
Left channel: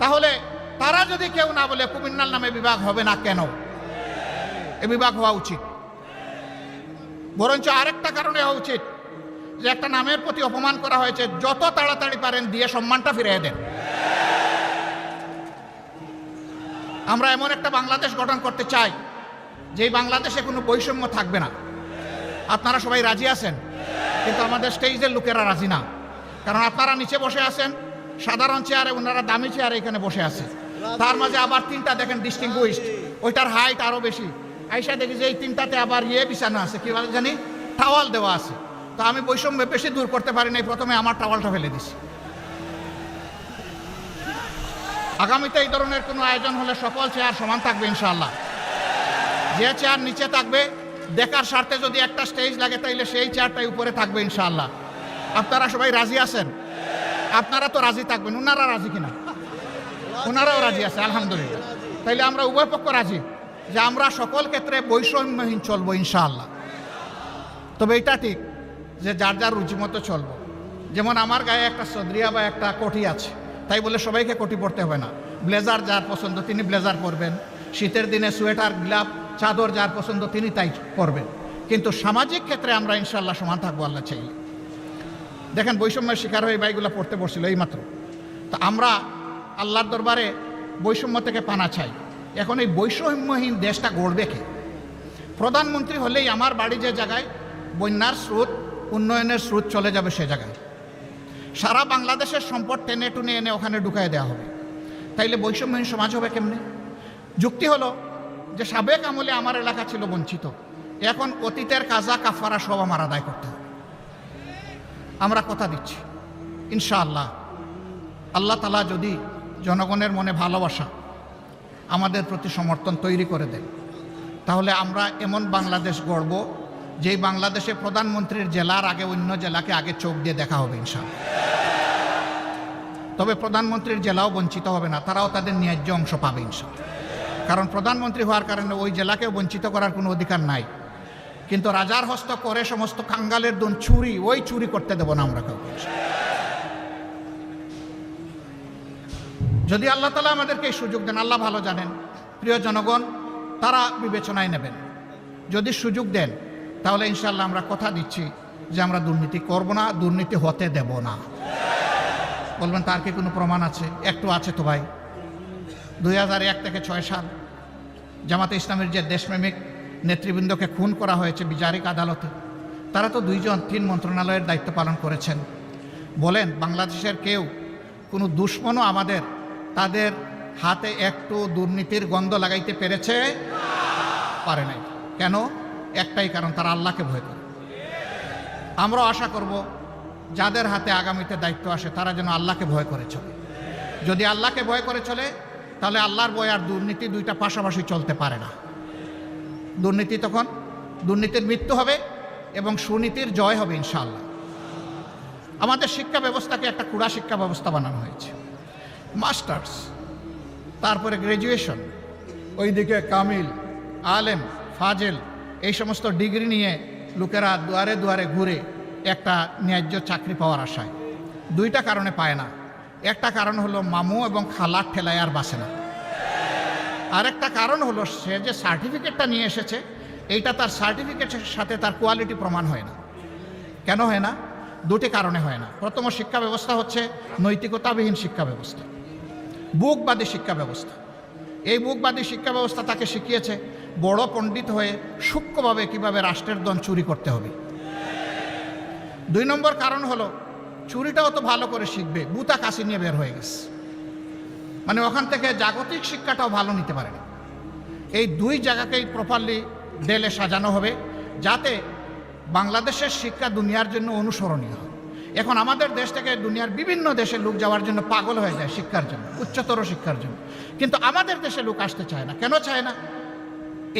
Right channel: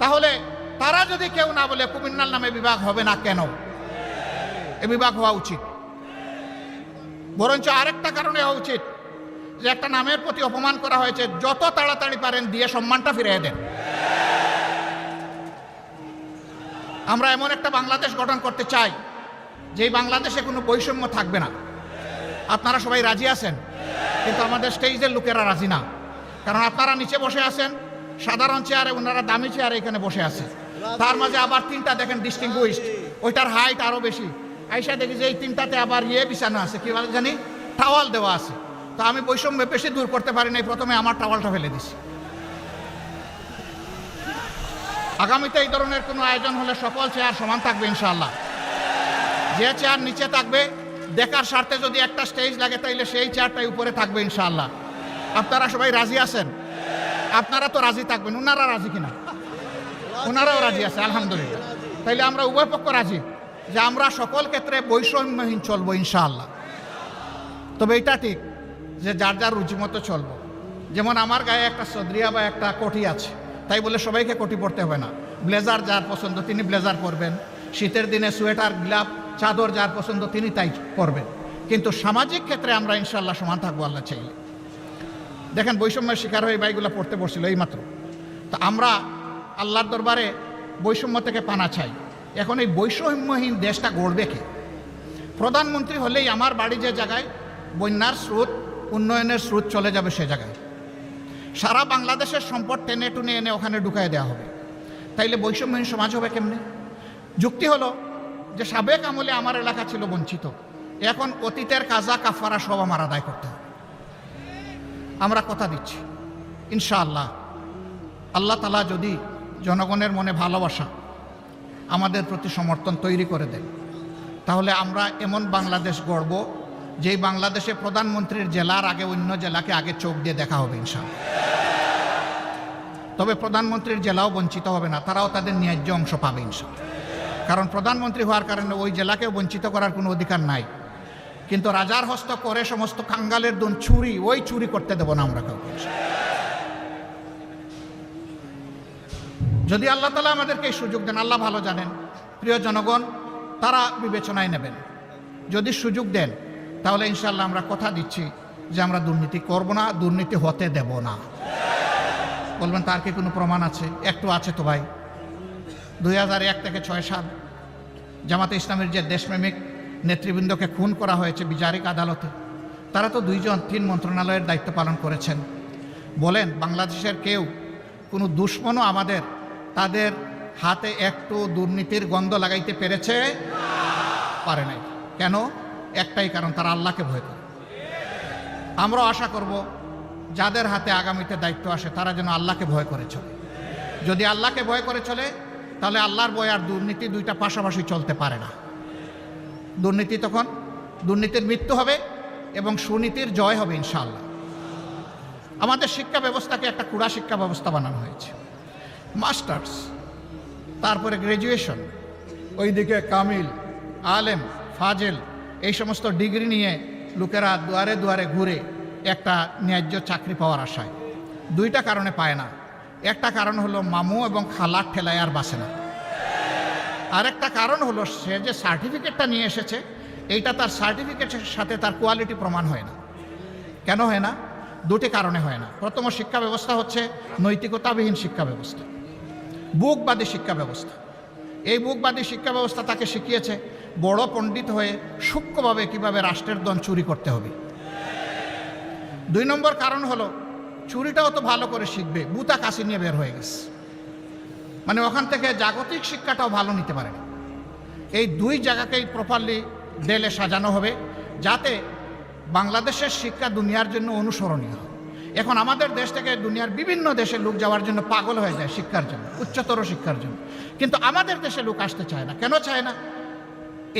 তাহলে তারা যদি কেউ না বলে কুমিল্লার নামে বিভাগ হবে না কেন? এ বিভাগ হওয়া উচিত। বরঞ্চ আরেকটা কারণে হওয়া উচিত যে একটা নামের প্রতি অপমান করা হয়েছে, যত তাড়াতাড়ি পারেন দিয়ে সম্মানটা ফিরিয়ে দেন। আমরা এমন একটা বাংলাদেশ গঠন করতে চাই যে বাংলাদেশে কোনো বৈষম্য থাকবে না। আপনারা সবাই রাজি আছেন, কিন্তু আমাদের স্টেজের লোকেরা রাজি না। কারণ আপনারা নিচে বসে আছেন সাধারণ চেয়ারে, ওনারা দামি চেয়ারে এখানে বসে আছে। তার মাঝে আবার তিনটা দেখেন ডিস্টিংগুইশড, ওইটার হাইট আরো বেশি। আইসা দেখি যে এই তিনটাতে আবার বিছানো আছে, কি বলে জানি, টাওয়াল দেওয়া আছে। তো আমি বৈষম্য বেশি দূর করতে পারি নাই, প্রথমে আমার টাওয়ালটা ফেলে দিছি। আগামীতে এই ধরনের কোনো আয়োজন হলে সকল চেয়ার সমান থাকবে ইনশাআল্লাহ। যে চেয়ার নিচে থাকবে দেখার স্বার্থে যদি একটা স্টেজ লাগে তাইলে সেই চেয়ারটাই উপরে থাকবে ইনশাআল্লাহ। আপনারা সবাই রাজি আছেন? আপনারা তো রাজি থাকবেন, চলবো ইনশাআল্লাহ। ব্লেজার যার পছন্দ তিনি ব্লেজার পরবেন, শীতের দিনে সোয়েটার, গ্লাভ, চাদর যার পছন্দ তিনি তাই পরবেন। কিন্তু সামাজিক ক্ষেত্রে আমরা ইনশাআল্লাহ সমান থাকবো আল্লাহ চাই। দেখেন বৈষম্যের শিকার হয়ে বাইগুলো পড়তে বসছিল এইমাত্র। তো আমরা আল্লাহর দরবারে বৈষম্য থেকে পানা চাই। এখন এই বৈষম্যহীন দেশটা গড়বে কে? প্রধানমন্ত্রী হলেই আমার বাড়ি যে জায়গায় বন্যার স্রোত, উন্নয়নের স্রোত চলে যাবে সে জায়গায় সারা বাংলাদেশের সম্পদ টেনে টুনে এনে ওখানে ঢুকাই দেওয়া হবে। তাইলে বৈষম্যহীন সমাজ হবে কেমনে? যুক্তি হলো যে সাবেক আমলে আমার এলাকা ছিল বঞ্চিত, এখন অতীতের কাজা কাফারা সব আমার আদায় করতে হবে। আমরা কথা দিচ্ছি ইনশাআল্লাহ, আল্লাহ তাআলা যদি জনগণের মনে ভালোবাসা আমাদের প্রতি সমর্থন তৈরি করে দেন, তাহলে আমরা এমন বাংলাদেশ গড়ব যেই বাংলাদেশে প্রধানমন্ত্রীর জেলার আগে অন্য জেলাকে আগে চোখ দিয়ে দেখা হবে ইনশাআল্লাহ। কারণ প্রধানমন্ত্রী হওয়ার কারণে ওই জেলাকে বঞ্চিত করার কোনো অধিকার নাই। কিন্তু রাজার হস্ত করে সমস্ত কাঙ্গালের ধন চুরি, ওই চুরি করতে দেবো না আমরা। যদি আল্লাহ তাআলা আমাদেরকে এই সুযোগ দেন, আল্লাহ ভালো জানেন, প্রিয় জনগণ তারা বিবেচনায় নেবেন। যদি সুযোগ দেন তাহলে ইনশাআল্লাহ আমরা কথা দিচ্ছি যে আমরা দুর্নীতি করব না, দুর্নীতি হতে দেব না। বলবেন তার কি কোনো প্রমাণ আছে? একটু আছে তো ভাই। 2001 থেকে 6 সাল জামাতে ইসলামের যে দেশপ্রেমিক নেতৃবৃন্দকে খুন করা হয়েছে বিচারিক আদালতে, তারা তো 3 মন্ত্রণালয়ের দায়িত্ব পালন করেছেন। বলেন বাংলাদেশের কেউ কোনো দুশ্মনও আমাদের তাদের হাতে একটু দুর্নীতির গন্ধ লাগাইতে পেরেছে? পারে নাই। কেন? একটাই কারণ, তারা আল্লাহকে ভয় করে। আমরাও আশা করব যাদের হাতে আগামীতে দায়িত্ব আসে তারা যেন আল্লাহকে ভয় করে চলে। যদি আল্লাহকে ভয় করে চলে তাহলে আল্লাহর ভয় আর দুর্নীতি দুইটা পাশাপাশি চলতে পারে না। দুর্নীতি তখন দুর্নীতির মৃত্যু হবে এবং সুনীতির জয় হবে ইনশাআল্লাহ। আমাদের শিক্ষা ব্যবস্থাকে একটা কুড়া শিক্ষা ব্যবস্থা বানানো হয়েছে। মাস্টার্স, তারপরে গ্র্যাজুয়েশন, ওইদিকে কামিল, আলেম, ফাজেল, এই সমস্ত ডিগ্রি নিয়ে লোকেরা দুয়ারে দুয়ারে ঘুরে একটা ন্যায্য চাকরি পাওয়ার আশায়। 2টা কারণে পায় না। একটা কারণ হলো মামু এবং খালার ঠেলায় আর বাসে না। আরেকটা কারণ হলো সে যে সার্টিফিকেটটা নিয়ে এসেছে এইটা তার সার্টিফিকেটের সাথে তার কোয়ালিটি প্রমাণ হয় না। কেন হয় না? 2টি কারণে হয় না। প্রথম শিক্ষা ব্যবস্থা হচ্ছে নৈতিকতাবিহীন শিক্ষা ব্যবস্থা, বুকবাদী শিক্ষা ব্যবস্থা। এই বুকবাদী শিক্ষা ব্যবস্থা তাকে শিখিয়েছে বড় পণ্ডিত হয়ে সূক্ষ্মভাবে কিভাবে রাষ্ট্রের ধন চুরি করতে হবে। 2 নম্বর কারণ হলো চুরিটাও তো ভালো করে শিখবে, বুতা কাশি নিয়ে বের হয়ে গেছে, মানে ওখান থেকে জাগতিক শিক্ষাটাও ভালো নিতে পারে। এই 2 জায়গাকেই প্রপারলি দেলে সাজানো হবে যাতে বাংলাদেশের শিক্ষা দুনিয়ার জন্য অনুসরণীয় হয়। এখন আমাদের দেশ থেকে দুনিয়ার বিভিন্ন দেশে লোক যাওয়ার জন্য পাগল হয়ে যায় শিক্ষার জন্য, উচ্চতর শিক্ষার জন্য, কিন্তু আমাদের দেশে লোক আসতে চায় না। কেন চায় না?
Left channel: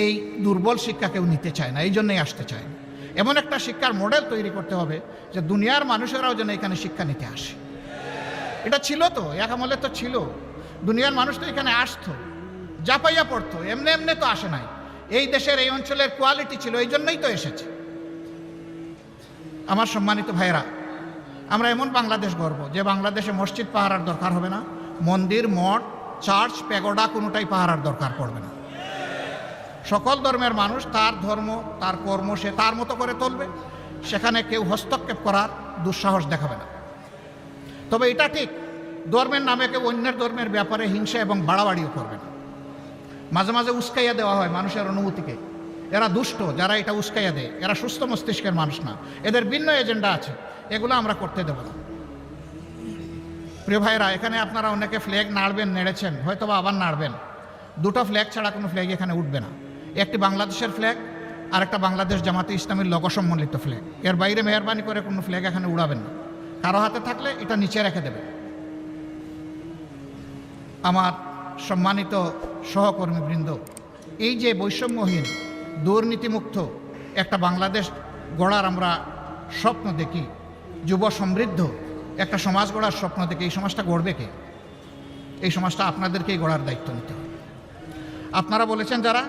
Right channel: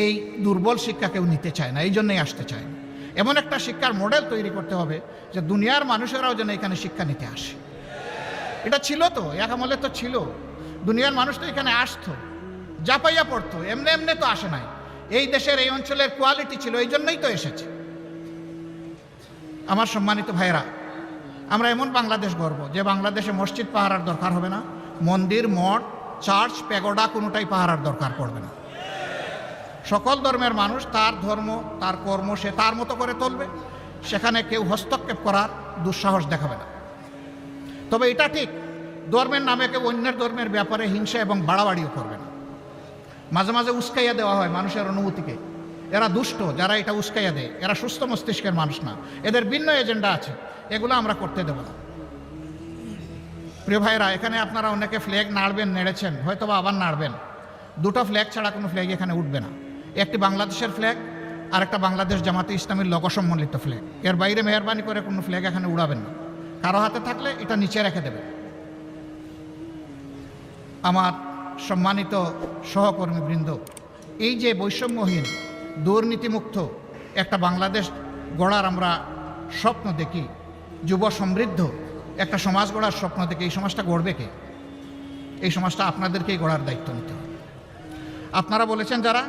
এই দুর্বল শিক্ষা কেউ নিতে চায় না, এই জন্যই আসতে চায় না। এমন একটা শিক্ষার মডেল তৈরি করতে হবে যে দুনিয়ার মানুষেরাও যেন এখানে শিক্ষা নিতে আসে। এটা ছিল তো, এক আমলে তো ছিল, দুনিয়ার মানুষ তো এখানে আসতো, জাপাইয়া পড়তো, এমনি এমনি তো আসে নাই। এই দেশের এই অঞ্চলের কোয়ালিটি ছিল, এই জন্যই তো এসেছে। আমার সম্মানিত ভাইরা, আমরা এমন বাংলাদেশ গড়ব যে বাংলাদেশে মসজিদ পাহারার দরকার হবে না, মন্দির, মঠ, চার্চ, পেগোডা কোনোটাই পাহারার দরকার পড়বে না। সকল ধর্মের মানুষ তার ধর্ম, তার কর্ম সে তার মতো করে চলবে, সেখানে কেউ হস্তক্ষেপ করার দুঃসাহস দেখাবে না। তবে এটা ঠিক, ধর্মের নামে কেউ অন্যের ধর্মের ব্যাপারে হিংসা এবং বাড়াবাড়িও করবে না। মাঝে মাঝে উস্কাইয়া দেওয়া হয় মানুষের অনুভূতিকে। এরা দুষ্ট, যারা এটা উস্কাইয়া দেয় এরা সুস্থ মস্তিষ্কের মানুষ না, এদের ভিন্ন এজেন্ডা আছে, এগুলো আমরা করতে দেব না। প্রিয় ভাইরা, এখানে আপনারা অনেকে ফ্ল্যাগ নাড়বেন, নেড়েছেন, হয়তো বা আবার নাড়বেন। দুটো ফ্ল্যাগ ছাড়া কোনো ফ্ল্যাগ এখানে উঠবে না। একটি বাংলাদেশের ফ্ল্যাগ আর একটা বাংলাদেশ জামাতে ইসলামীর লোগো সম্বলিত ফ্ল্যাগ। এর বাইরে মেহরবানি করে কোনো ফ্ল্যাগ এখানে উড়াবেন না। কারো হাতে থাকলে এটা নিচে রেখে দেবে। আমার সম্মানিত সহকর্মীবৃন্দ, এই যে বৈষম্যহীন, দুর্নীতিমুক্ত একটা বাংলাদেশ গড়ার আমরা স্বপ্ন দেখি, যুব সমৃদ্ধ একটা সমাজ গড়ার স্বপ্ন দেখি, এই সমাজটা গড়বে কে? এই সমাজটা আপনাদেরকেই গড়ার দায়িত্ব নিতে হবে। আপনারা বলেছেন যারা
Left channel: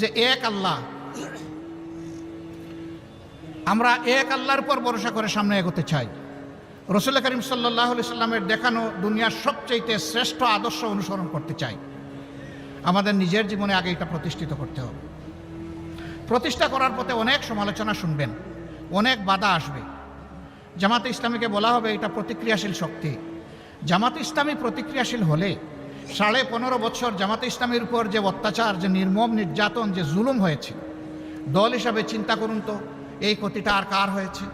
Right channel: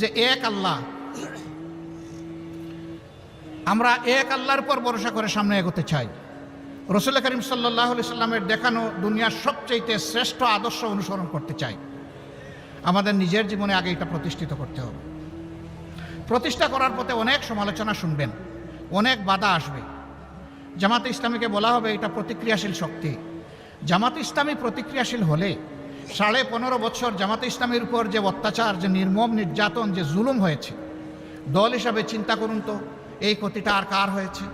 যে এক আল্লাহ, আমরা এক আল্লাহর উপর ভরসা করে সামনে এগোতে চাই। রাসূল করিম সাল্লাল্লাহু আলাইহি সাল্লামের দেখানো দুনিয়ার সবচেয়ে শ্রেষ্ঠ আদর্শ অনুসরণ করতে চাই। আমাদের নিজের জীবনে আগে এটা প্রতিষ্ঠিত করতে হবে। প্রতিষ্ঠা করার পথে অনেক সমালোচনা শুনবেন, অনেক বাধা আসবে। জামাতে ইসলামীকে বলা হবে এটা প্রতিক্রিয়াশীল শক্তি। জামাতে ইসলামী প্রতিক্রিয়াশীল হলে 15.5 বছর জামাতে ইসলামীর উপর যে অত্যাচার, যে নির্মম নির্যাতন, যে জুলুম হয়েছে, দল হিসাবে চিন্তা করুন তো এই ক্ষতিটা আর কার হয়েছে?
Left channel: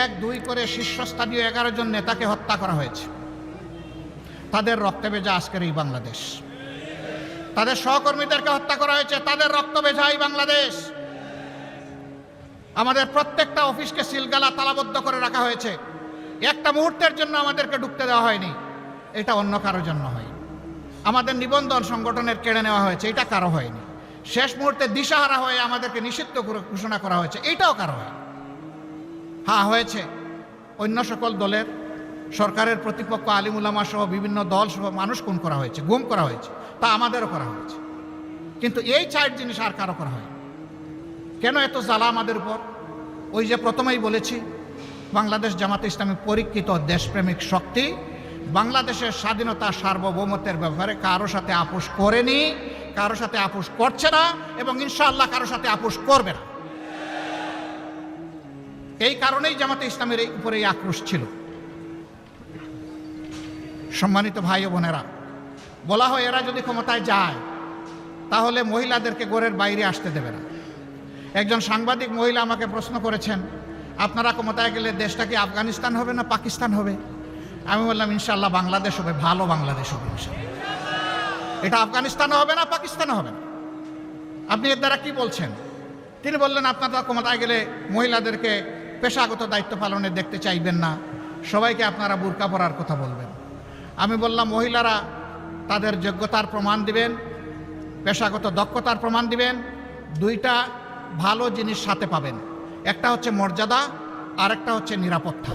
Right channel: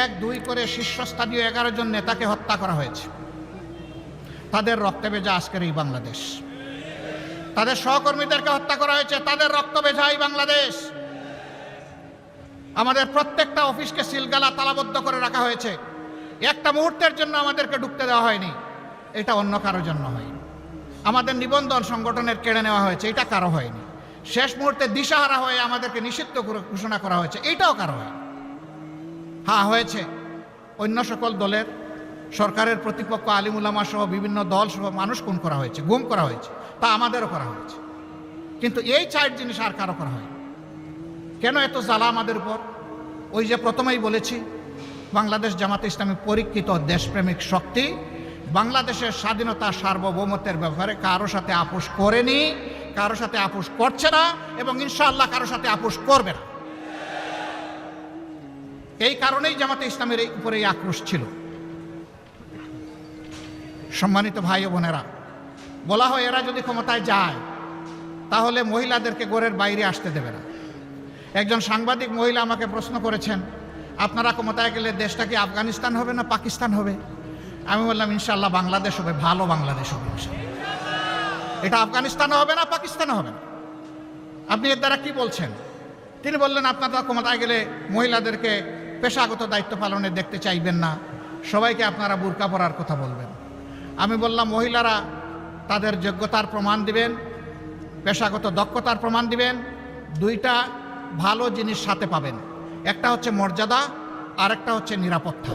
1-2 করে শীর্ষস্থানীয় 11 জন নেতাকে হত্যা করা হয়েছে। তাদের রক্তে ভেজা আজকের এই বাংলাদেশ। তাদের সহকর্মীদেরকে হত্যা করা হয়েছে, তাদের রক্ত ভেজা এই বাংলাদেশ। আমাদের প্রত্যেকটা অফিসকে সিলগালা তালাবদ্ধ করে রাখা হয়েছে, একটা মুহূর্তের জন্য আমাদেরকে ঢুকতে দেওয়া হয়নি। এটা অন্য কারো জন্য হয়। আমাদের নিবন্ধন সংগঠনের কেড়ে নেওয়া হয়েছে, এটা কারো হয়নি। শেষ মুহূর্তে দিশাহারা হয়ে আমাদেরকে নিষিদ্ধ ঘোষণা করা হয়েছে, এইটাও কারো হয়। হ্যাঁ, হয়েছে অন্য সকল দলের, সরকারের প্রতিপক্ষ, আলিম উলামা সহ বিভিন্ন দল সহ মানুষ খুন করা হয়েছে, গুম করা হয়েছে, তা আমাদেরও করা হয়েছে। কিন্তু এই 4 জিনিস আর কারো করা হয়। কেন এত জ্বালা আমাদের উপর? ওই যে প্রথমেই বলেছি, বাংলাদেশ জামাতে ইসলামী পরীক্ষিত দেশপ্রেমিক শক্তি, বাংলাদেশের স্বাধীনতা সার্বভৌমত্বের ব্যাপারে কারো সাথে আপোষ করেনি, কারো সাথে আপোষ করছে না এবং ইনশাআল্লাহ কারো সাথে আপোষ করবে না। এই কারণেই জামাতে ইসলামের উপরে এই আক্রোশ ছিল। সম্মানিত ভাই ও বোনেরা, বলা হয় এরা যদি ক্ষমতায় যায় তাহলে মহিলাদেরকে ঘরের বাইরে আসতে দেবে না। একজন সাংবাদিক মহিলা আমাকে প্রশ্ন করেছেন, আপনারা ক্ষমতায় গেলে দেশটা কি আফগানিস্তান হবে না পাকিস্তান হবে? আমি বললাম ইনশাআল্লাহ বাংলাদেশ হবে, ভালো বাংলাদেশ হবে। এটা আফগানিস্তানে হবে না, পাকিস্তানে হবে না। আপনি এর দ্বারা কি বলছেন? তিনি বললেন, আপনারা ক্ষমতায় গেলে মহিলাদেরকে পেশাগত দায়িত্ব পালনে দেখতে চাইবেন না, সবাইকে আপনারা বুরকা পরার কথা বলবেন। আমি বললাম, মহিলারা তাদের যোগ্যতার প্রমাণ দিবেন, পেশাগত দক্ষতার প্রমাণ দিবেন, 2টা ভালো জিনিস সাথে পাবেন। একটা হচ্ছে মর্যাদা, আর একটা হচ্ছে নিরাপত্তা।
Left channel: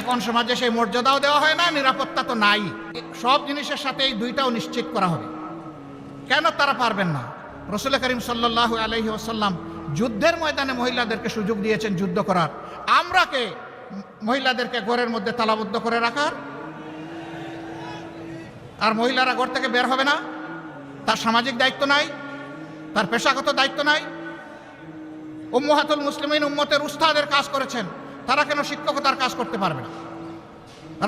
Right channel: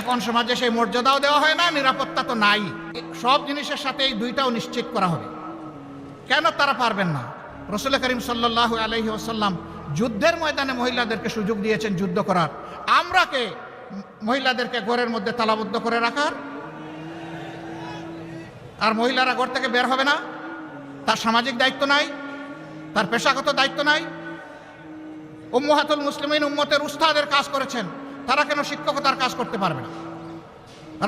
এখন সমাজে সেই মর্যাদাও দেওয়া হয় না, নিরাপত্তা তো নাই। সব জিনিসের সাথে এই 2টাও নিশ্চিত করা হবে। কেন তারা পারবেন না? রাসূল করিম সাল্লাল্লাহু আলাইহি ওয়াসাল্লাম যুদ্ধের ময়দানে মহিলাদেরকে সুযোগ দিয়েছেন যুদ্ধ করার। আমরা কে মহিলাদেরকে ঘরের মধ্যে তালাবদ্ধ করে রাখার? আর মহিলারা ঘর থেকে বের হবে না? তার সামাজিক দায়িত্ব নাই, তার পেশাগত দায়িত্ব নাই? উম্মাহাতুল মুসলিমিন উম্মতের উস্তাদের কাজ করেছেন, তারা কেন শিক্ষকতার কাজ করতে পারবে না?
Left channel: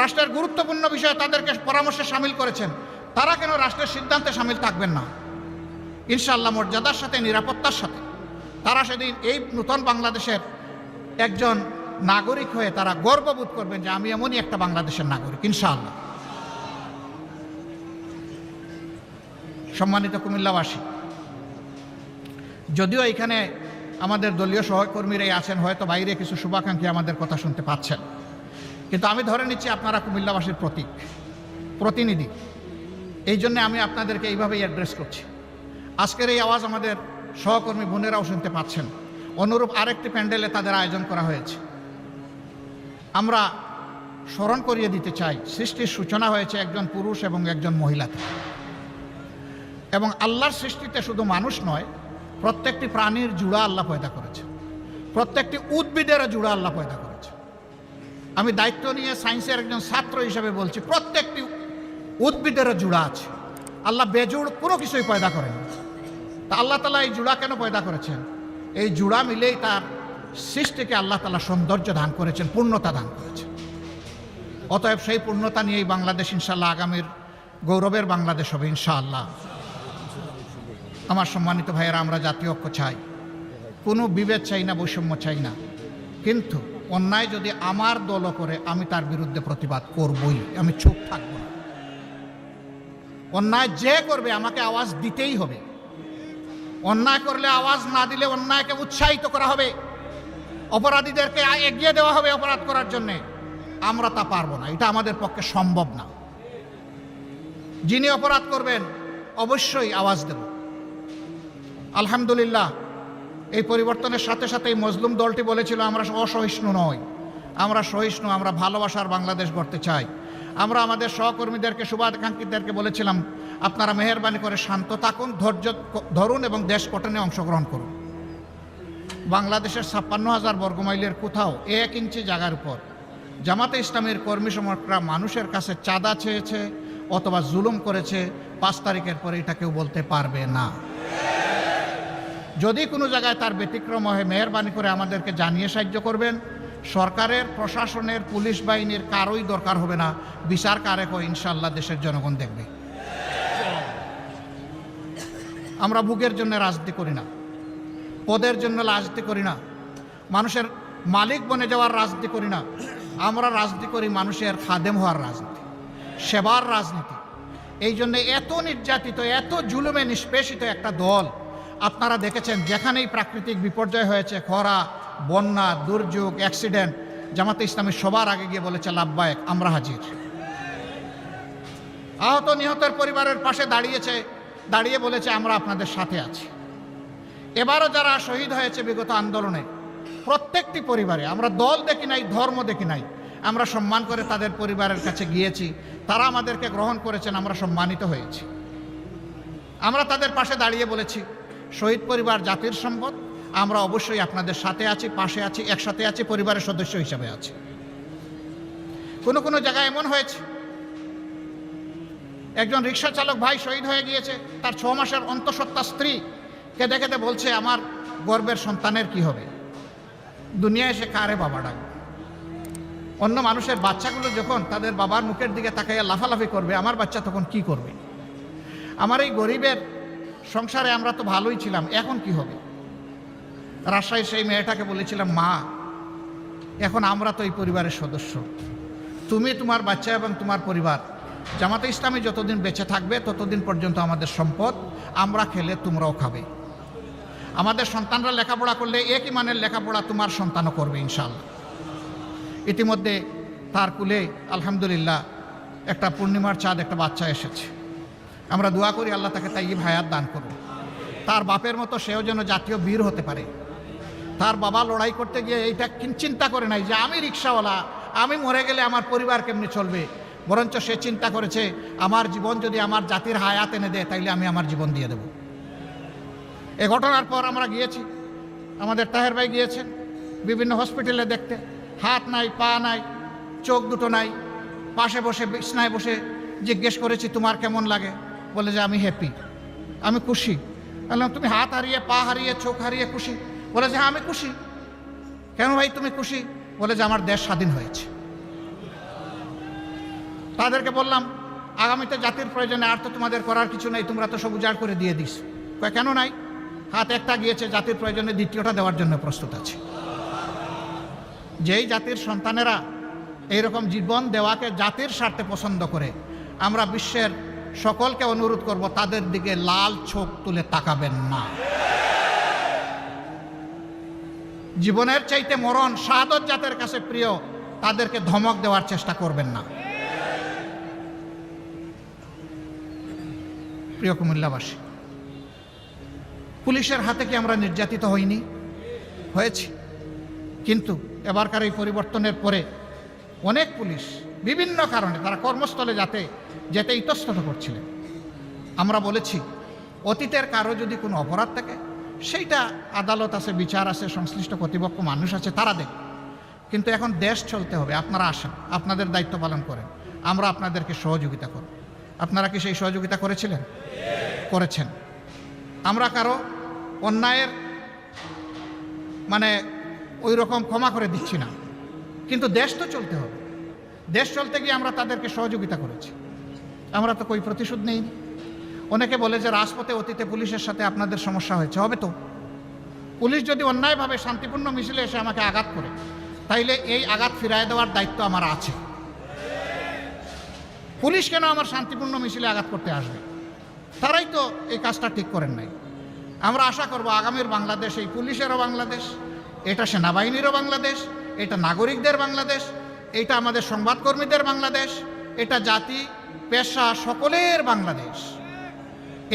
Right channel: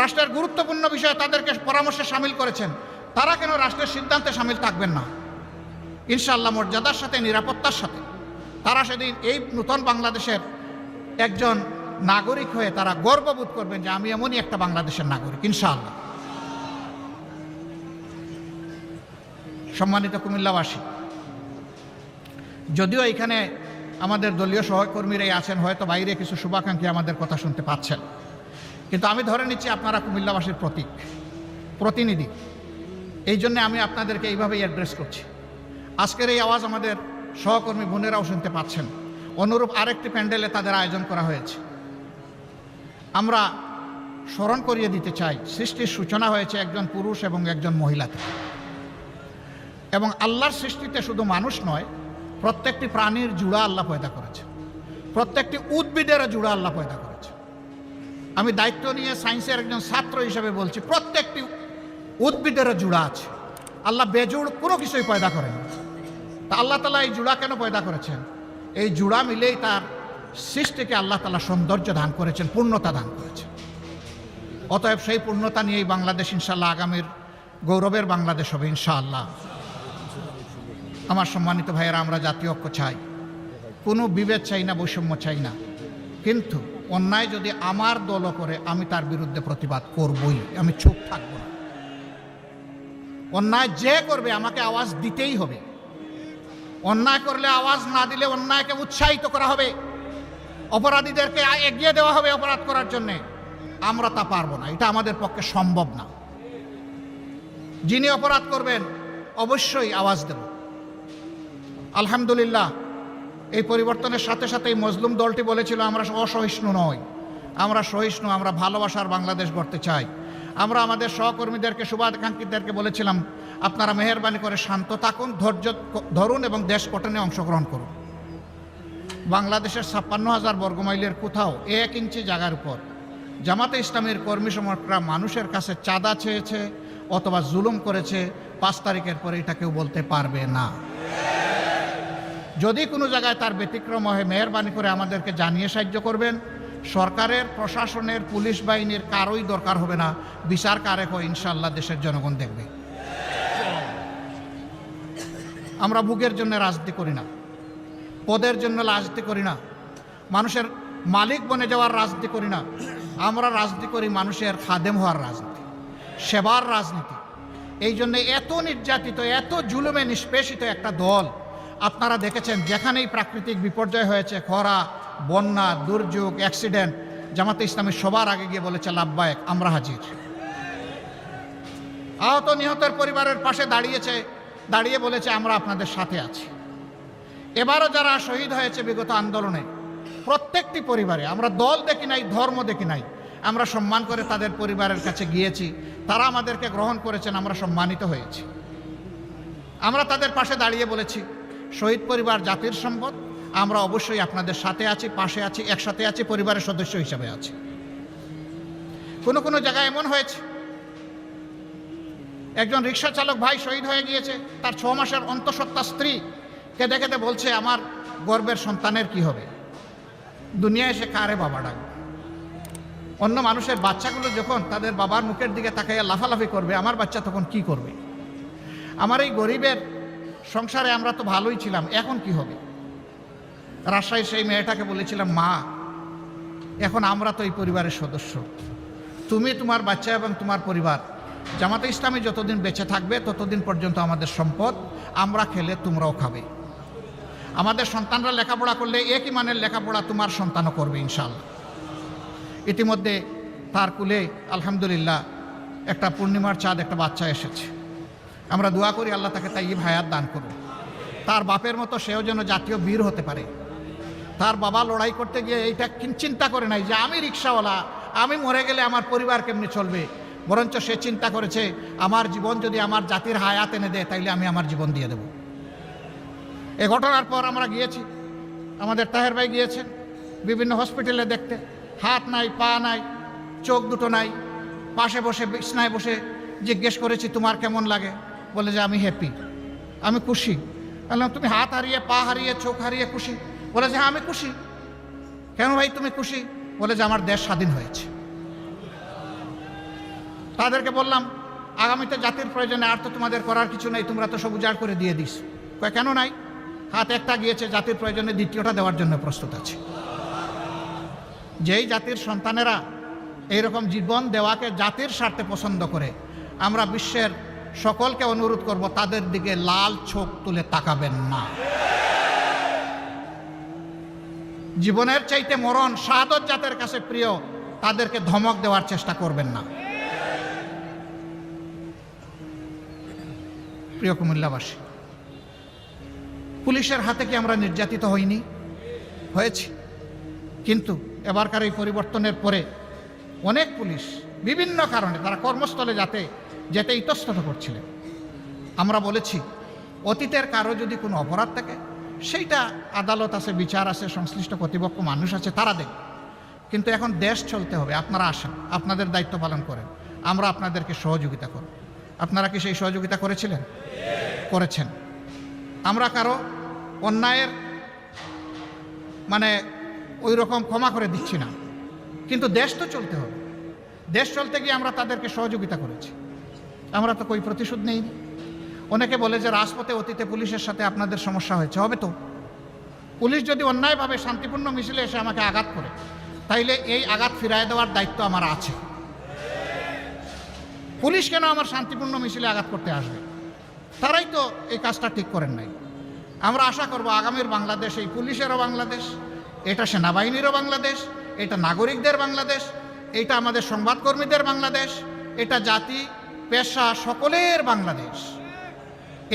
রাষ্ট্রের গুরুত্বপূর্ণ বিষয়ে তাদেরকে পরামর্শে সামিল করেছেন, তারা কেন রাষ্ট্রের সিদ্ধান্তে সামিল থাকবেন না? ইনশাআল্লাহ মর্যাদার সাথে, নিরাপত্তার সাথে তারা সেদিন এই নতুন বাংলাদেশের একজন নাগরিক হয়ে তারা গর্ববোধ করবেন যে আমি এমনই একটা বাংলাদেশের নাগরিক, ইনশাআল্লাহ। সম্মানিত কুমিল্লাবাসী, যদিও এখানে আমাদের দলীয় সহকর্মীরাই আছেন, হয়তো বাইরে কিছু শুভাকাঙ্ক্ষী আমাদের কথা শুনতে পাচ্ছেন, কিন্তু আমি ধরে নিচ্ছি আপনারা কুমিল্লাবাসীর প্রতিনিধি। এই জন্য আমি আপনাদেরকে এইভাবেই অ্যাড্রেস করছি। আজকের এই আওয়াজ আমাদের সহকর্মী বোনেরাও শুনতে পাচ্ছেন। অনুরূপ আরেকটি প্যান্ডেলে তাদের আয়োজন করা হয়েছে। আমরা স্মরণ করিয়ে দিতে চাই, সৃষ্টির সূচনা হয়েছে একজন পুরুষ এবং একজন মহিলা থেকে। এবং আল্লাহর সৃষ্টিতে শুধু মানুষ নয়, প্রত্যেকটি প্রাণীর জুড়া আল্লাহ পয়দা করেছে, প্রত্যেকটি উদ্ভিদের জুড়া আল্লাহ পয়দা করেছে। আমি দায়িত্ব নিয়ে সায়েন্সের একজন ছাত্র হিসেবে বলছি, প্রত্যেকটি উদ্ভিদের জোড়া আছে। আল্লাহ বেজোড় কোনো কিছুই পয়দা করেন। তা আল্লাহ তাআলা এই জোড়া কেন পয়দা করেছেন? এই জোড়া মিলেই তার সৃষ্টিকে আল্লাহ তাআলা সৌন্দর্য দান করেছেন, পূর্ণতা দান করেছেন। অতএব সেই পূর্ণতা নিয়েই বাংলাদেশ ইনশাআল্লাহ আগামীর গৌরবের বাংলাদেশ হবে ইনশাআল্লাহ। আমার সম্মানিত ভাইয়েরা, আমরা জাতীয় ঐক্য চাই, কোনো বিভেদ চাই না, বৈষম্য চাই না। কিন্তু অন্যায় যদি আমার দল করে, আমি তার বিরুদ্ধে প্রতিবাদ করবই, আমি চুপ থাকব। অন্যায় যে করবে আমাকে আওয়াজ দিতেই হবে। অন্যায় করলে আওয়াজ না দিলে অন্যায়কে উৎসাহিত করা হবে, অপরাধীদেরকে এগিয়ে দেওয়া হবে অপরাধ করার জন্য। আমরা তা পারবো না, এটা আমাদের পক্ষে সম্ভব না। যিনি অপরাধ করবেন অবশ্যই আওয়াজ দেব। আলহামদুলিল্লাহ, এই পরিবর্তনের সাথে সাথে মুসলিম দলটি বলেছিল আমরা অসহিষ্ণু নয়, আমরা সহিষ্ণু, আমরা ভালোবাসার বাংলাদেশ করতে চাই। আমরা আমাদের সহকর্মীদেরকে, শুভাকাঙ্ক্ষীদেরকে বলেছিলাম আপনারা মেহেরবানি করে শান্ত থাকুন, ধৈর্য ধরুন এবং দেশ গঠনে অংশগ্রহণ করুন। বাংলাদেশের 56,000 বর্গমাইলের কোথাও 1 ইঞ্চি জায়গার উপর জামাতে ইসলামের কর্মী সমর্থকরা মানুষের কাছে চাঁদা চেয়েছে অথবা জুলুম করেছে, 5 তারিখের পরে এটা কেউ বলতে পারবে না। যদি কোনো জায়গায় তার ব্যতিক্রম হয়, মেহেরবানি করে আমাদেরকে জানিয়ে সাহায্য করবেন। সরকারের, প্রশাসনের, পুলিশ বাহিনীর কারোই দরকার হবে না, বিচার কারে কো ইনশাআল্লাহ দেশের জনগণ দেখবে। আমরা বুকের জন্য রাজনীতি করি না, পদের জন্য রাজনীতি করি না, মানুষের মালিক বনে যাওয়ার রাজনীতি করি না। আমরা রাজনীতি করি মানুষের খাদেম হওয়ার রাজনীতি, সেবার রাজনীতি। এই জন্য এত নির্যাতিত, এত জুলুমে নিষ্পেষিত একটা দল আপনারা দেখেছেন, যেখানেই প্রাকৃতিক বিপর্যয় হয়েছে, খরা, বন্যা, দুর্যোগ, অ্যাক্সিডেন্ট, জামাতে ইসলামী সবার আগে গিয়ে বলেছে লাব্বায়েক, আমরা হাজির। আহত নিহতের পরিবারের পাশে দাঁড়িয়ে বলেছে আমরা আপনাদের সাথে আছি। এবারও যারা শহীদ হয়েছে বিগত আন্দোলনে, প্রত্যেকটি পরিবারে, আমরা দল দেখি নাই, ধর্ম দেখি নাই, আমরা সম্মান করে তাদের পরিবারের কাছে গিয়েছি, তারা আমাদেরকে গ্রহণ করেছেন, আমরা সম্মানিত হয়েছি। আমরা তাদের পাশে দাঁড়িয়ে বলেছি শহীদ পরিবার জাতির সম্পদ, আমরা অবশ্যই আপনাদের সাথে আছি, পাশে আছি, একসাথে আছি, পরিবারের সদস্য হিসেবে আছি। কোনো জায়গায় এমন হয়েছে, একজন রিক্সা চালক ভাই শহীদ হয়ে গিয়েছে, তার 6 মাসের অন্তঃসত্ত্বা স্ত্রী কেঁদে কেঁদে বলছে আমার গর্বের সন্তানের কি হবে, দুনিয়ায় এসে কারে বাবা ডাকবে। অন্য মানুষের বাচ্চাগুলো যখন তাদের বাবার মুখের দিকে তাকাইয়া লাফালাফি করবে, আমার বাচ্চা তখন কি করবে? আমার এই গরিবের সংসারে আমরা তো ভালোই ছিলাম, এখন কি হবে? রাজশাহী সেই মেয়েটাকে বলেছিলাম, মা এখন আমরা তো এই পরিবারের সদস্য, তুমি, তোমার বাচ্চা এবং তোমার পরিবার, জামাতে ইসলামী যতদিন বেঁচে থাকবে ততদিন পর্যন্ত আমাদের সম্পদ, আমরা খেলে তোমরাও খাবে। আমাদের সন্তানরা লেখাপড়া করলে একই মানের লেখাপড়া তোমার সন্তানও করবে ইনশাআল্লাহ। ইতিমধ্যে তার কুলে আলহামদুলিল্লাহ একটা পূর্ণিমার চাঁদ, একটা বাচ্চা এসেছে। আমরা দোয়া করি আল্লাহ তাকে তাইয়্যিব হায়াত দান করুন। তার বাপের মতো সেও যেন জাতীয় বীর হতে পারে। তার বাবা লড়াই করতে গিয়ে এইটা চিন্তা করে নাই যে আমি রিক্সাওয়ালা, আমি মরে গেলে আমার পরিবার কেমনি চলবে, বরঞ্চ সে চিন্তা করেছে আমার জীবন যদি আমার জাতির হায়াত এনে দেয় তাইলে আমি আমার জীবন দিয়ে দেব। এ ঘটনার পর আমরা গিয়েছি, আমাদের তাহের ভাই গিয়েছেন বিভিন্ন হসপিটালে দেখতে, হাত নাই, পা নাই, চোখ দুটো নাই, পাশে বসে বিছনায় বসে জিজ্ঞেস করেছি তোমার কেমন লাগে, বলে যে আমি হ্যাপি, আমি খুশি। বললাম তুমি হাত হারিয়ে, পা হারিয়ে, চোখ হারিয়ে খুশি? বলে যে আমি খুশি। কেন ভাই তুমি খুশি? বলে যে আমার দেশ স্বাধীন হয়েছে। তাদেরকে বললাম আগামীতে জাতির প্রয়োজনে আর তো তোমাদের করার কিছু নেই, তোমরা তো সব উজাড় করে দিয়ে দিস। কেন নাই? হাত একটা গিয়েছে, জাতির প্রয়োজনে দ্বিতীয়টা দেওয়ার জন্য প্রস্তুত আছে। যেই জাতির সন্তানেরা এইরকম জীবন দেওয়াকে জাতির স্বার্থে পছন্দ করে, আমরা বিশ্বের সকলকে অনুরোধ করব তাদের দিকে লাল চোখ তুলে তাকাবেন না। জীবনের চাইতে মরণ, শাহাদত জাতের কাছে প্রিয়, তাদেরকে ধমক দেওয়ার চেষ্টা করবেন না। প্রিয় কুমিল্লাবাসী, পুলিশের হাতে কি আমরা নির্যাতিত হইনি? হয়েছে। কিন্তু এবারকার এই পরিবর্তনের পরে অনেক পুলিশ বিভিন্ন কারণে তারা কর্মস্থলে যেতে ইতস্তত করছিলেন। আমরা বলেছি অতীতের কারো যদি কোনো অপরাধ থাকে সেইটা আদালত আছে, বিচার আছে, সংশ্লিষ্ট কর্তৃপক্ষ মানুষ আছে, তারা দেখবে। কিন্তু এখন দেশ চলতে হবে। আপনারা আসেন, আপনাদের দায়িত্ব পালন করেন, আমরা আপনাদেরকে সহযোগিতা করব। আপনারা কি সেই সহযোগিতা করেছিলেন? করেছেন। আমরা কারো অন্যায়ের মানে ওই রকম ক্ষমা করে দিচ্ছি না, কিন্তু দেশ তো চলতে হবে। দেশ চলতে গিয়ে আমরা তাদেরকে সহযোগিতা করেছি। আমরা তো કોઈ প্রতিশোধ নেই। অনেকে বলে যে রাজপথে অতীতে পুলিশের সাথে আপনাদের সমস্যা হয়েছে, হবে তো। পুলিশ যদি অন্যায়ভাবে শান্তিপূর্ণ মিছিলে এসে আমাকে আঘাত করে, তাইলে এই আঘাত ফিরায় দেওয়ার দায়িত্ব আমার আছে। পুলিশ কেন আমার শান্তিপূর্ণ মিছিলে আঘাত করতে আসবে? তারাই তো এই কাজটা ঠিক করেন নাই। আমরা আশা করব আগামীর বাংলাদেশ এই পুলিশেরও বাংলাদেশ, এটা সেনাবাহিনীরও বাংলাদেশ, এটা নাগরিকদের বাংলাদেশ, এটা আমাদের সংবাদকর্মীদের বাংলাদেশ, এটা জাতি পেশা সকলের বাংলাদেশ।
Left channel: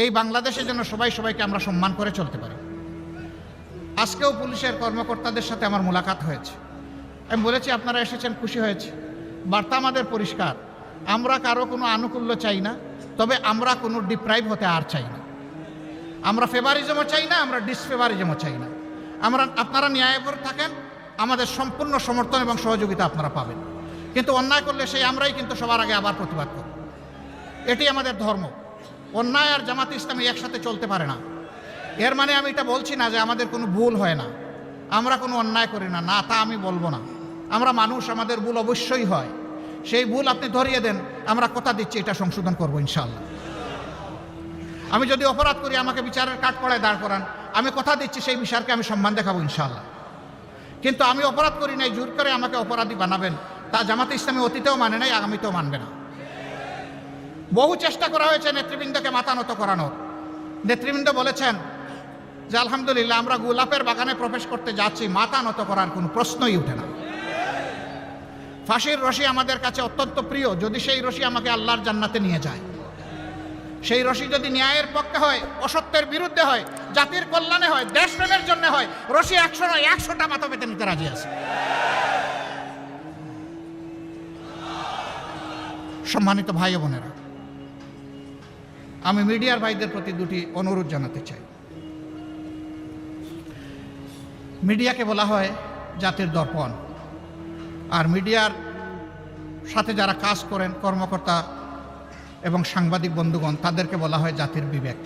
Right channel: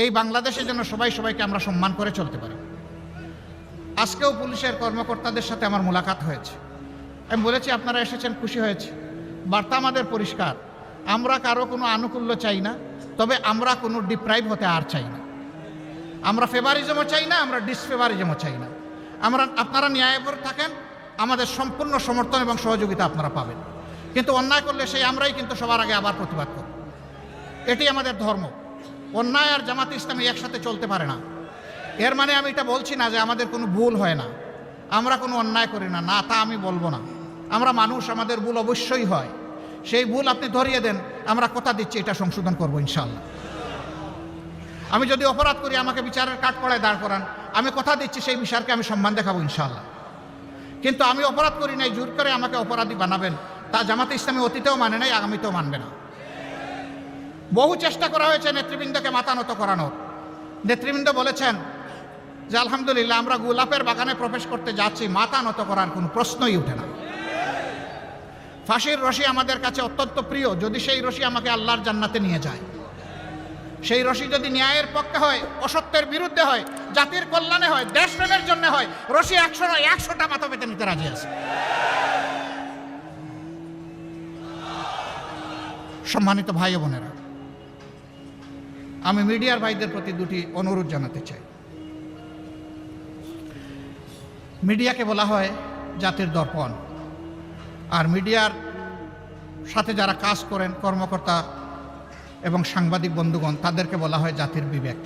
এই বাংলাদেশে যেন সবাই সবাইকে আমরা সম্মান করে চলতে পারি। আজকেও পুলিশের কর্মকর্তাদের সাথে আমার মোলাকাত হয়েছে। আমি বলেছি আপনারা এসেছেন, খুশি হয়েছে। বার্তা আমাদের পরিষ্কার, আমরা কারো কোনো আনুকূল্য চাই না, তবে আমরা কোনো ডিপ্রাইভ হতে আর চাই না। আমরা ফেভারিজমও চাই না, আমরা ডিসফেভারিজমও চাই না। আপনারা ন্যায়পর থাকেন, আমাদের সম্পূর্ণ সমর্থন এবং সহযোগিতা আপনারা পাবেন। কিন্তু অন্যায় করলে সেই আমরাই কিন্তু সবার আগে আবার প্রতিবাদ করব। এটাই আমাদের ধর্ম। অন্যায় আর জামাতে ইসলামী একসাথে চলতে পারে না। এর মানে আমি এটা বলছি না যে আমাদের কোনো ভুল হয় না, আমরা কোনো অন্যায় করি না, না তা আমি বলবো না। আমরা মানুষ, আমাদের ভুল অবশ্যই হয়। সেই ভুল আপনি ধরিয়ে দেন, আমরা কথা দিচ্ছি এটা সংশোধন করবো ইনশাআল্লাহ। আমি যদি অপরাধ করি আমাকে বিচারের কাঠগড়ায় দাঁড় করান, আমি কথা দিচ্ছি সেই বিচারকে আমি সম্মান দেখাবো ইনশাআল্লাহ। কিন্তু আমি অপরাধ করি নাই, জোর করে আমাকে অপরাধী বানাবেন, তা জামাতে ইসলামী অতীতেও মানে নাই, আগামীতেও মানবে না। বহু চেষ্টা করা হয়েছে নেতৃবৃন্দকে মাথা নত করানোর। নেতৃবৃন্দ বলেছেন যে আলহামদুলিল্লাহ আমরা গোলাপের বাগানে প্রবেশ করতে যাচ্ছি, মাথা নত করার কোনো প্রশ্নই উঠে না। ফাঁসির রশি আমাদের কাছে অত্যন্ত প্রিয়, যদি সেই রশি আমাকে আল্লাহর জান্নাতে নিয়ে যায়। সেই রশি যদি ন্যায়ের পক্ষে হয়, অসত্যের বিরুদ্ধে হয়, জাতির কল্যাণে হয়, দেশপ্রেমের জন্য হয়, রশি 100 নয় 100টা মাথা পেতে নিতে রাজি আছে। সম্মানিত ভাই বোনেরা, আমি মিডিয়ার ভাইদের প্রতি দুটি অনুরোধ জানাতে চাই। মিডিয়াকে বলা হয় জাতির দর্পণ, আর মিডিয়ার সাথে যারা কাজ করেন কর্মকর্তা এবং সাংবাদিক বন্ধুগণ, তাদেরকে বলা হয় জাতির বিবেক।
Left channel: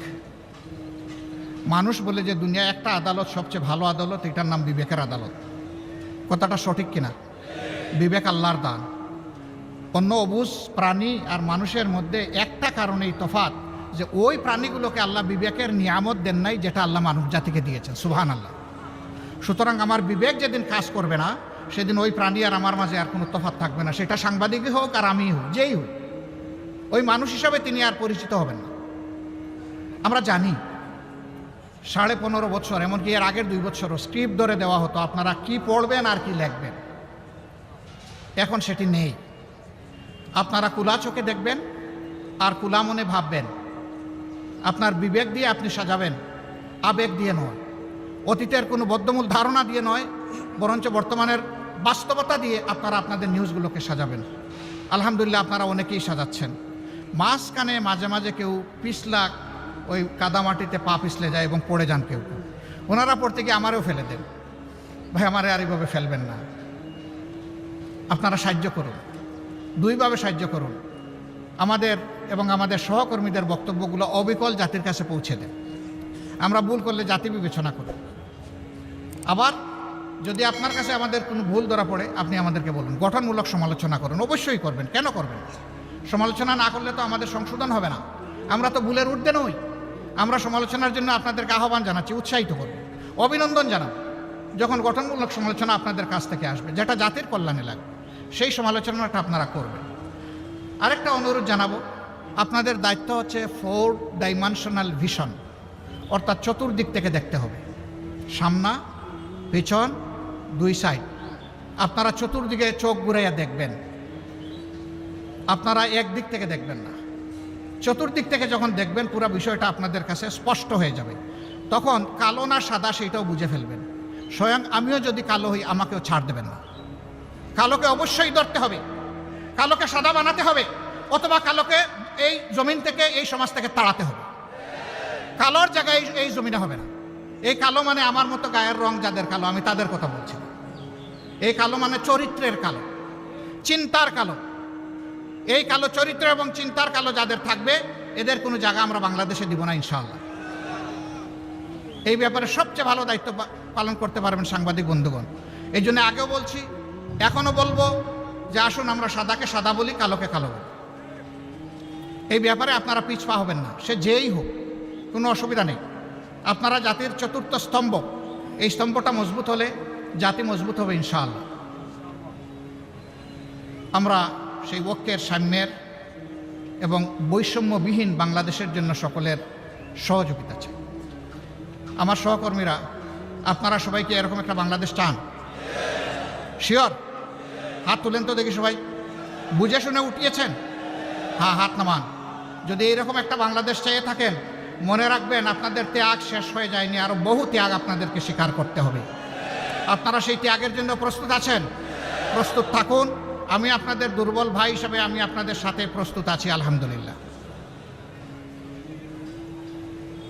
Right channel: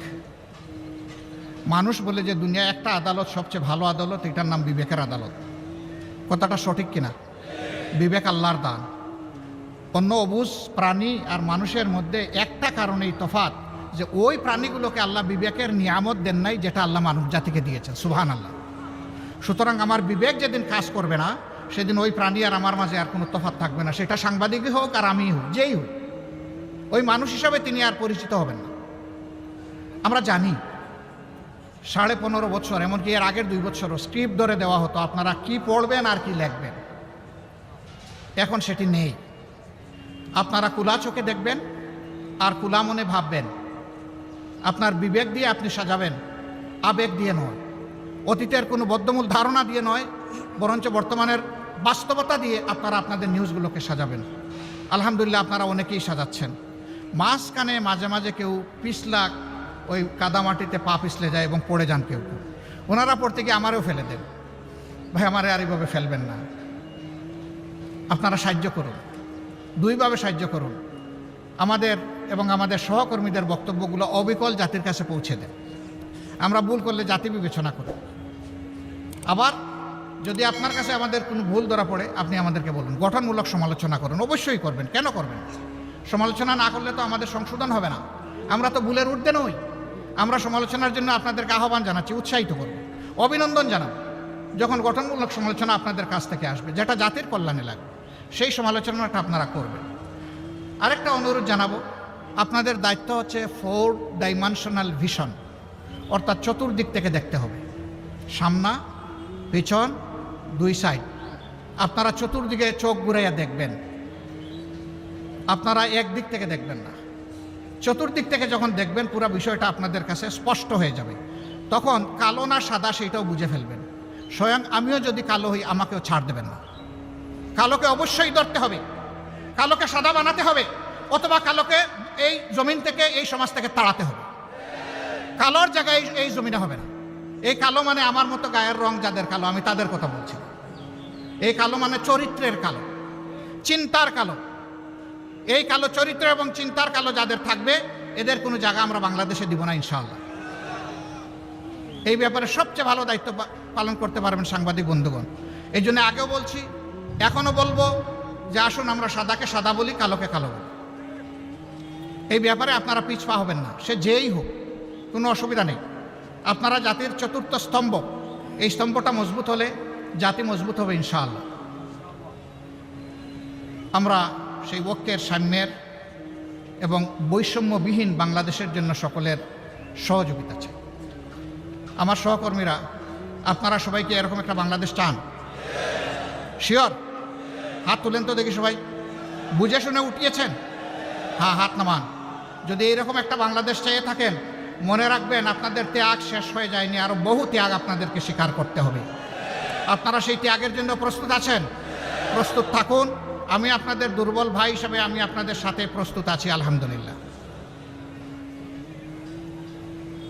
মানুষ বলে যে দুনিয়া একটা আদালত সবচেয়ে ভালো আদালত, এটার নাম বিবেকের আদালত। কতটা সঠিক কিনা? বিবেক আল্লাহর দান। অন্য অবুঝ প্রাণী আর মানুষের মধ্যে একটা কারণেই তফাৎ, যে ওই প্রাণীগুলোকে আল্লাহ বিবেকের নিয়ামত দেন নাই যেটা আল্লাহ মানব জাতিকে দিয়েছেন। সুবহানাল্লাহ। সুতরাং আমার বিবেক যেদিন কাজ করবে না, সেদিন ওই প্রাণী আর আমার মাঝে আর কোনো তফাৎ থাকবে না। সেটা সাংবাদিকই হোক আর আমি হোক, যেই হোক, ওই মানুষ হিসাবে তিনি আর পরিচিত হবেন না। আমরা জানি 15.5 বছর, এমনকি এর আগের 2 বছরও স্ক্রিপ্ট ধরে দেওয়া হতো, আপনারা কি পড়বেন আর কি লিখবেন। এখন সেটি নেই। আপনারা কুলা চোখে দেখবেন আর কুলা মনে ভাববেন। আপনার বিবেক দিয়ে আপনি সাজাবেন, আবেগ দিয়ে নয়, অতীতের কোনো বদ্ধমূল ধারণা দিয়ে নয়, বরঞ্চ বর্তমানের বাস্তবতা দিয়ে আপনারা আপনাদের নিউজগুলোকে সাজাবেন। আলহামদুলিল্লাহ আপনারা অনেকেই সাজাচ্ছেন। মাঝখানে মাঝে মাঝে কেউ পিছলা, ওই কাদামাটিতে পা পিছলে যায় এবং পড়ে যান কেউ। ওনারা পড়তে গিয়ে আমারও ফেলে দেন, ভাই আমারে আর এইভাবে ফেলবেন না। আপনারা সাহায্য করুন, দুইভাবে সাহায্য করুন। আমাদের এবং আমাদের সহকর্মীদের বক্তব্যগুলো অবিকল জাতির কাছে পৌঁছে দিন। আমরা ভুল করলে জাতি বিবেচনা করি। আবার যদি আপনার কাছে আমাদের কোনো ভুল ধরা পড়ে, আপনি আমাদেরকে বলুন, গঠনমূলক সমালোচনা করুন, অবশ্যই করবেন। কেন করবেন? সমালোচনা না করলে তো আমাদের সংশোধন হবে না। আমরা তো ভুলের ঊর্ধ্বে নই। আমরা সমালোচনার জন্য আপনাদেরকে আহ্বান জানাচ্ছি, উৎসাহিত করব, অভিনন্দন জানাই যখন গঠনমূলক সমালোচনা আপনাদের কাছ থেকে আসবে, যেটা জাতির কল্যাণে লাগবে, সেই সমালোচনাটা আপনারা করবেন। আরেকটা অনুরোধ জানাবো, আপনাদের দায়িত্ব হচ্ছে 4 ডাইমেনশনাল ভিশন, অর্থাৎ চতুর্দিক থেকে দেখতে হবে, সামনা, পেছন, 2 সাইড। আপনারা চতুর্দিকে চোখ ঘুরাইয়া দেখবেন, আপনারা একদিক থেকে দেখবেন না। চতুর্দিক থেকে যখন দেখবেন, পুরো বিষয়টা আপনাদের কাছে স্পষ্ট হয়ে যাবে। তখন কালো না সাদা সেইটাও বুঝে ফেলবেন। স্বয়ং আমিও যদি কালো হই, আমাকেও ছাড় দেবেন না। কালোকে অবশ্যই ধরতে হবে, কালোকে সাদা বানাতে হবে, অথবা কালোকে এই জমিন থেকে, এই সমাজ থেকে তাড়াতে হবে। কালোর জায়গায় এই জমিনে হবে না। এই কালো মানে আমার মতো গায়ের রং যাদের কালো, আমি তাদের কথা বলছি। এই কালো মানে চরিত্রের কালো, চিন্তার কালো। এই কালো চরিত্র এবং চিন্তার কালো যাদের থাকবে, এদের কোনো জায়গা আমরা বাংলাদেশে দিব না ইনশাআল্লাহ। এই ব্যাপারে সবচেয়ে ভালো দায়িত্ব পালন করতে পারবেন সাংবাদিক বন্ধুগণ। এই জন্য আগেও বলছি, এখনো বলবো যে আসুন আমরা সাদাকে সাদা বলি, কালোকে কালো বলি। এই ব্যাপারে আপনারা পিছপা হবেন না, সে যেই হোক, কোনো অসুবিধা নেই। আপনারা জাতির চতুর্থ স্তম্ভ, এই স্তম্ভটা মজবুত হলে জাতি মজবুত হবে ইনশাআল্লাহ। আমরা সেই ঐক্যের, সাম্যের এবং বৈষম্যবিহীন বাংলাদেশের জন্য সকলের সহযোগিতা চাই। আমার সহকর্মীরা, আপনারা সবাই কি এরকম একটা বাংলাদেশ চান? শিওর? হাত তুলেন তো দেখি সবাই। বুঝে শুনে উঠিয়েছেন? হ্যাঁ, হাত নামান। যদি এইরকম একটা বাংলাদেশ চেয়ে থাকেন, মনে রাখবেন আপনাদের ত্যাগ শেষ হয়ে যায়নি, আরো বহু ত্যাগ আপনাদেরকে স্বীকার করতে হবে। আপনারা সেই ত্যাগের জন্য প্রস্তুত আছেন? প্রস্তুত থাকুন। আমি আপনাদের দুর্বল ভাই হিসেবে আমি আপনাদের সাথে প্রস্তুত আছি, আলহামদুলিল্লাহ।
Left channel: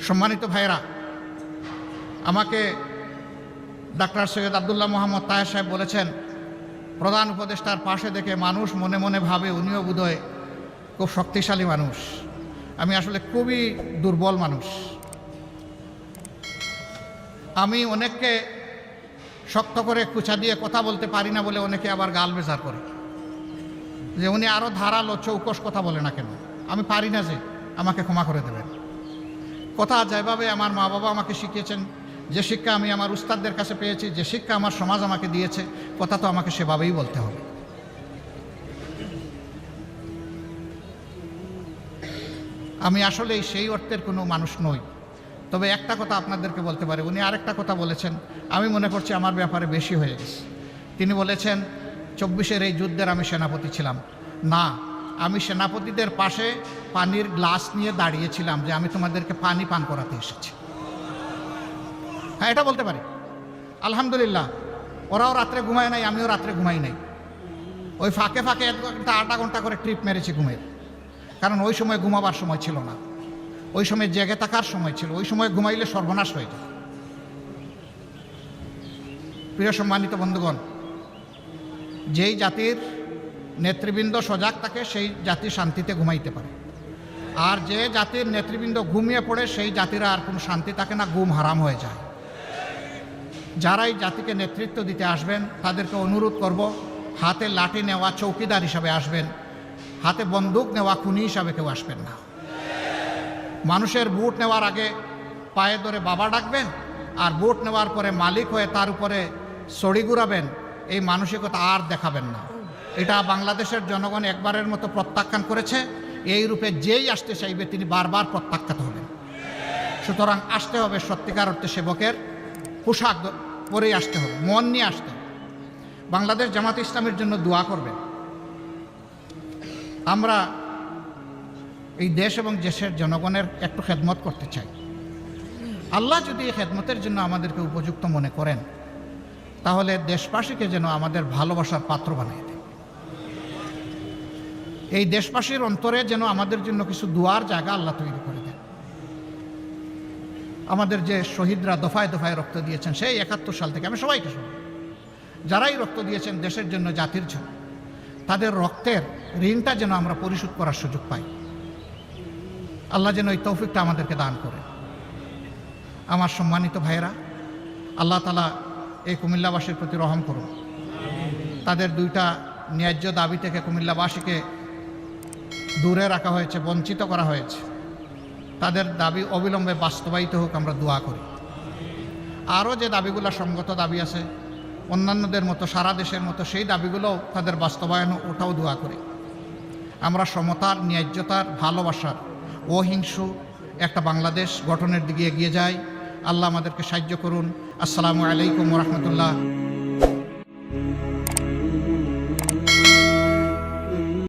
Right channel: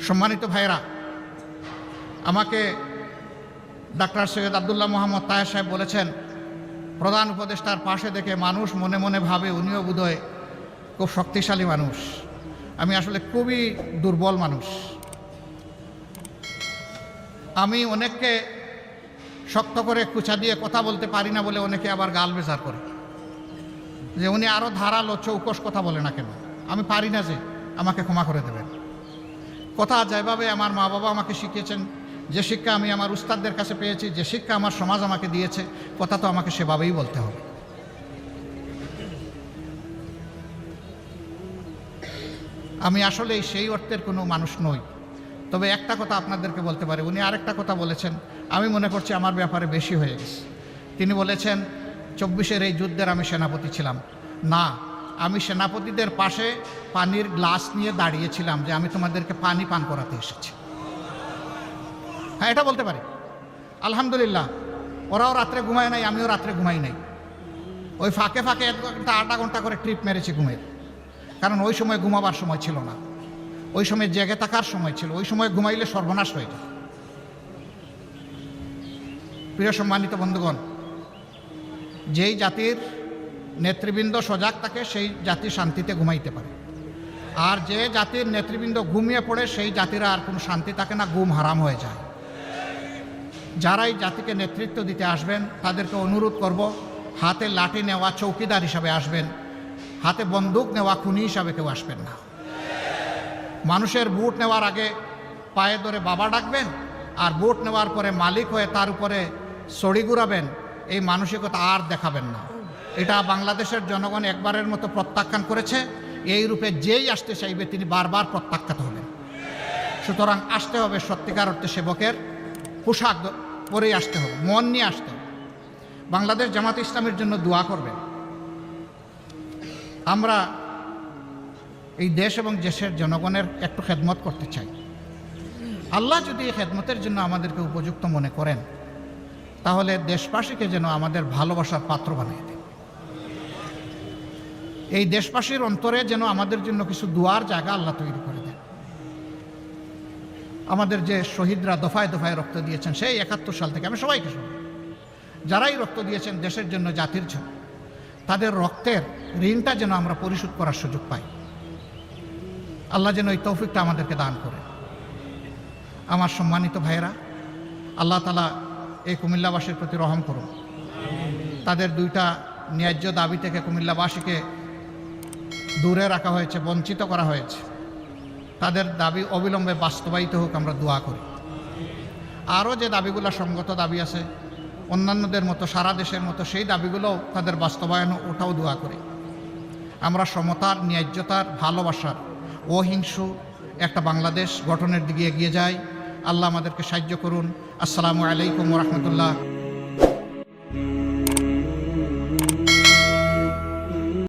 সম্মানিত ভাইয়েরা, আমাকে ডাক্তার সৈয়দ আব্দুল্লাহ মোহাম্মদ তাহের সাহেব বলেছেন, প্রধান উপদেষ্টার পাশে দেখে মানুষ মনে মনে ভাবে উনিও বোধহয় খুব শক্তিশালী মানুষ। আমি আসলে খুবই দুর্বল মানুষ। আমি অনেককে শক্ত করে কুচা দিয়ে কথা বলতে পারি না বলে অনেকে আবার গাল বেচার করে যে উনি আরো ধারালো চৌকস কথা বলে না কেন। আমি পারি না, যে আমাকে ক্ষমা করে দেবেন। কথা যেভাবে আমার মা বাবা আমাকে শিখিয়েছেন, যে শিক্ষা আমি আমার উস্তাদদের কাছে পেয়েছি, যে শিক্ষা আমার সমাজ আমাকে দিয়েছে, কথা তো আমাকে সেভাবেই বলতে হবে। আমি আসলে সেই অর্থের কোনো মানুষ নই। তবে একটা কথা আপনাদেরকে বলতে পারি, উনি আরেকটা কথা বলেছেন, আমি মনে করছি আমার ব্যাপারে বেশি হয়ে গেছে। তিনি বলেছেন 24-এর এই যুদ্ধের আমি সেনাপতি ছিলাম। না, আমি সেনাপতিদের পাশে পানির গ্লাস নিয়ে দাঁড়িয়েছিলাম যে আমি তোমাদেরকে পানি পান করাতে এসেছি। হ্যাঁ, এটা বলতে পারি আলহামদুলিল্লাহ। ওরাও রাত্রে ঘুমায় নাই, আমিও রাত্রে ঘুমাই নাই। ওই ফাঁকে ফাঁকে 1 ঘন্টা 8 ঘন্টা করে ট্রিপ মেরেছি ঘুমের, কারণ ওই সময় ঘুমাবার সময় ছিল না, ওই সময় জেগে থাকার সময় ছিল। ওই সময় ঘুমাইলে সর্বনাশ হয়ে যায়। প্রিয় সম্মানিত বন্ধুগণ, যেই জাতির নেতৃবৃন্দ সজাগ থাকে সেই জাতি শান্তিতে ঘুমাইতে পারে, আর যে জাতির নেতৃবৃন্দ ঘুমিয়ে পড়ে সেই জাতির আর কোনো শান্তি থাকে না, ঘুম হারাম হয়ে যায়। যারা এই জাতিকে নেতৃত্ব দিতে আসবেন তাদেরকে অনুরোধ করব, হাতে লাঠি নেওয়া চৌকিদার হিসাবে আসবেন, হাতে বন্দুক নেওয়া খুনি হিসাবে কেউ আসবেন না। মানুষের ভোট নেওয়ার আগে পায়ে ধরে বাবা ডাকবেন, আর ভোট নেওয়ার পরে মালিক হয়ে তার উপরে ছড়ি ঘুরাবেন, এই মানসিকতা আর দেখাবেন না। এটা বাংলাদেশের জনগণ একবারের মতো প্রত্যাখ্যান করেছে। এই রূপে যেই আসতে চাইবে তিনি বারবার প্রত্যাখ্যাত হবেন। সুতরাং আসতে হবে সত্যিকার অর্থে সেবকের পোশাক পরেই আসতে হবে, মন নিয়ে আসতে হবে। বাংলাদেশ জামাত ইসলামের জন্য দোয়া করবেন। আমরা এই দেশ এবং দেশের জনগণের একটু খেদমত করতে চাই। আল্লাহ যদি এই খেদমতের জন্য আমাদেরকে উপযুক্ত মনে করেন, তাহলে দেশবাসীকে যেন আমাদের ভালোবাসার পাত্র বানিয়ে দেয়। এই দেশবাসীর অন্তরে যেন আমাদের জন্য কিছু দোয়ার জায়গা আল্লাহ তৈরি করে দেন। আমাদের যে শহীদরা দফায় দফায় রক্ত দিয়েছেন সেই 71 সাল থেকে, আমি সবাইকে, যারাই রক্ত দিয়েছেন দেশের জন্য, জাতির জন্য, তাদের রক্তের ঋণটা যেন আমরা পরিশোধ করার সুযোগ পাই। আল্লাহ যেন এই তৌফিকটা আমাদেরকে দান করে। আমার সম্মানিত ভাইয়েরা, আল্লাহ তাআলা এই কুমিল্লাবাসীর প্রতি রহম করুন। তাদের 2টা ন্যায্য দাবি থেকে কুমিল্লাবাসীকে দূরে রাখা হয়েছে, বঞ্চিত করা হয়েছে। তাদের দাবি অবিলম্বে বাস্তবায়িত হোক, আমরা দোয়া করি। আরও যে দাবিগুলো সঙ্গত দাবি আছে অন্যান্যদের মতো, সারা দেশের মতো, সেই দাবিগুলোও তাদের বাস্তবায়ন, ওটাও দোয়া করি। আমরা সমতার, ন্যায্যতার, ভালোবাসার, অহিংস একটা বাংলাদেশ গঠনের দিকে এগিয়ে যাই। আল্লাহ আমাদেরকে সাহায্য করুন। আসসালামু আলাইকুম ওয়া রাহমাতুল্লাহ।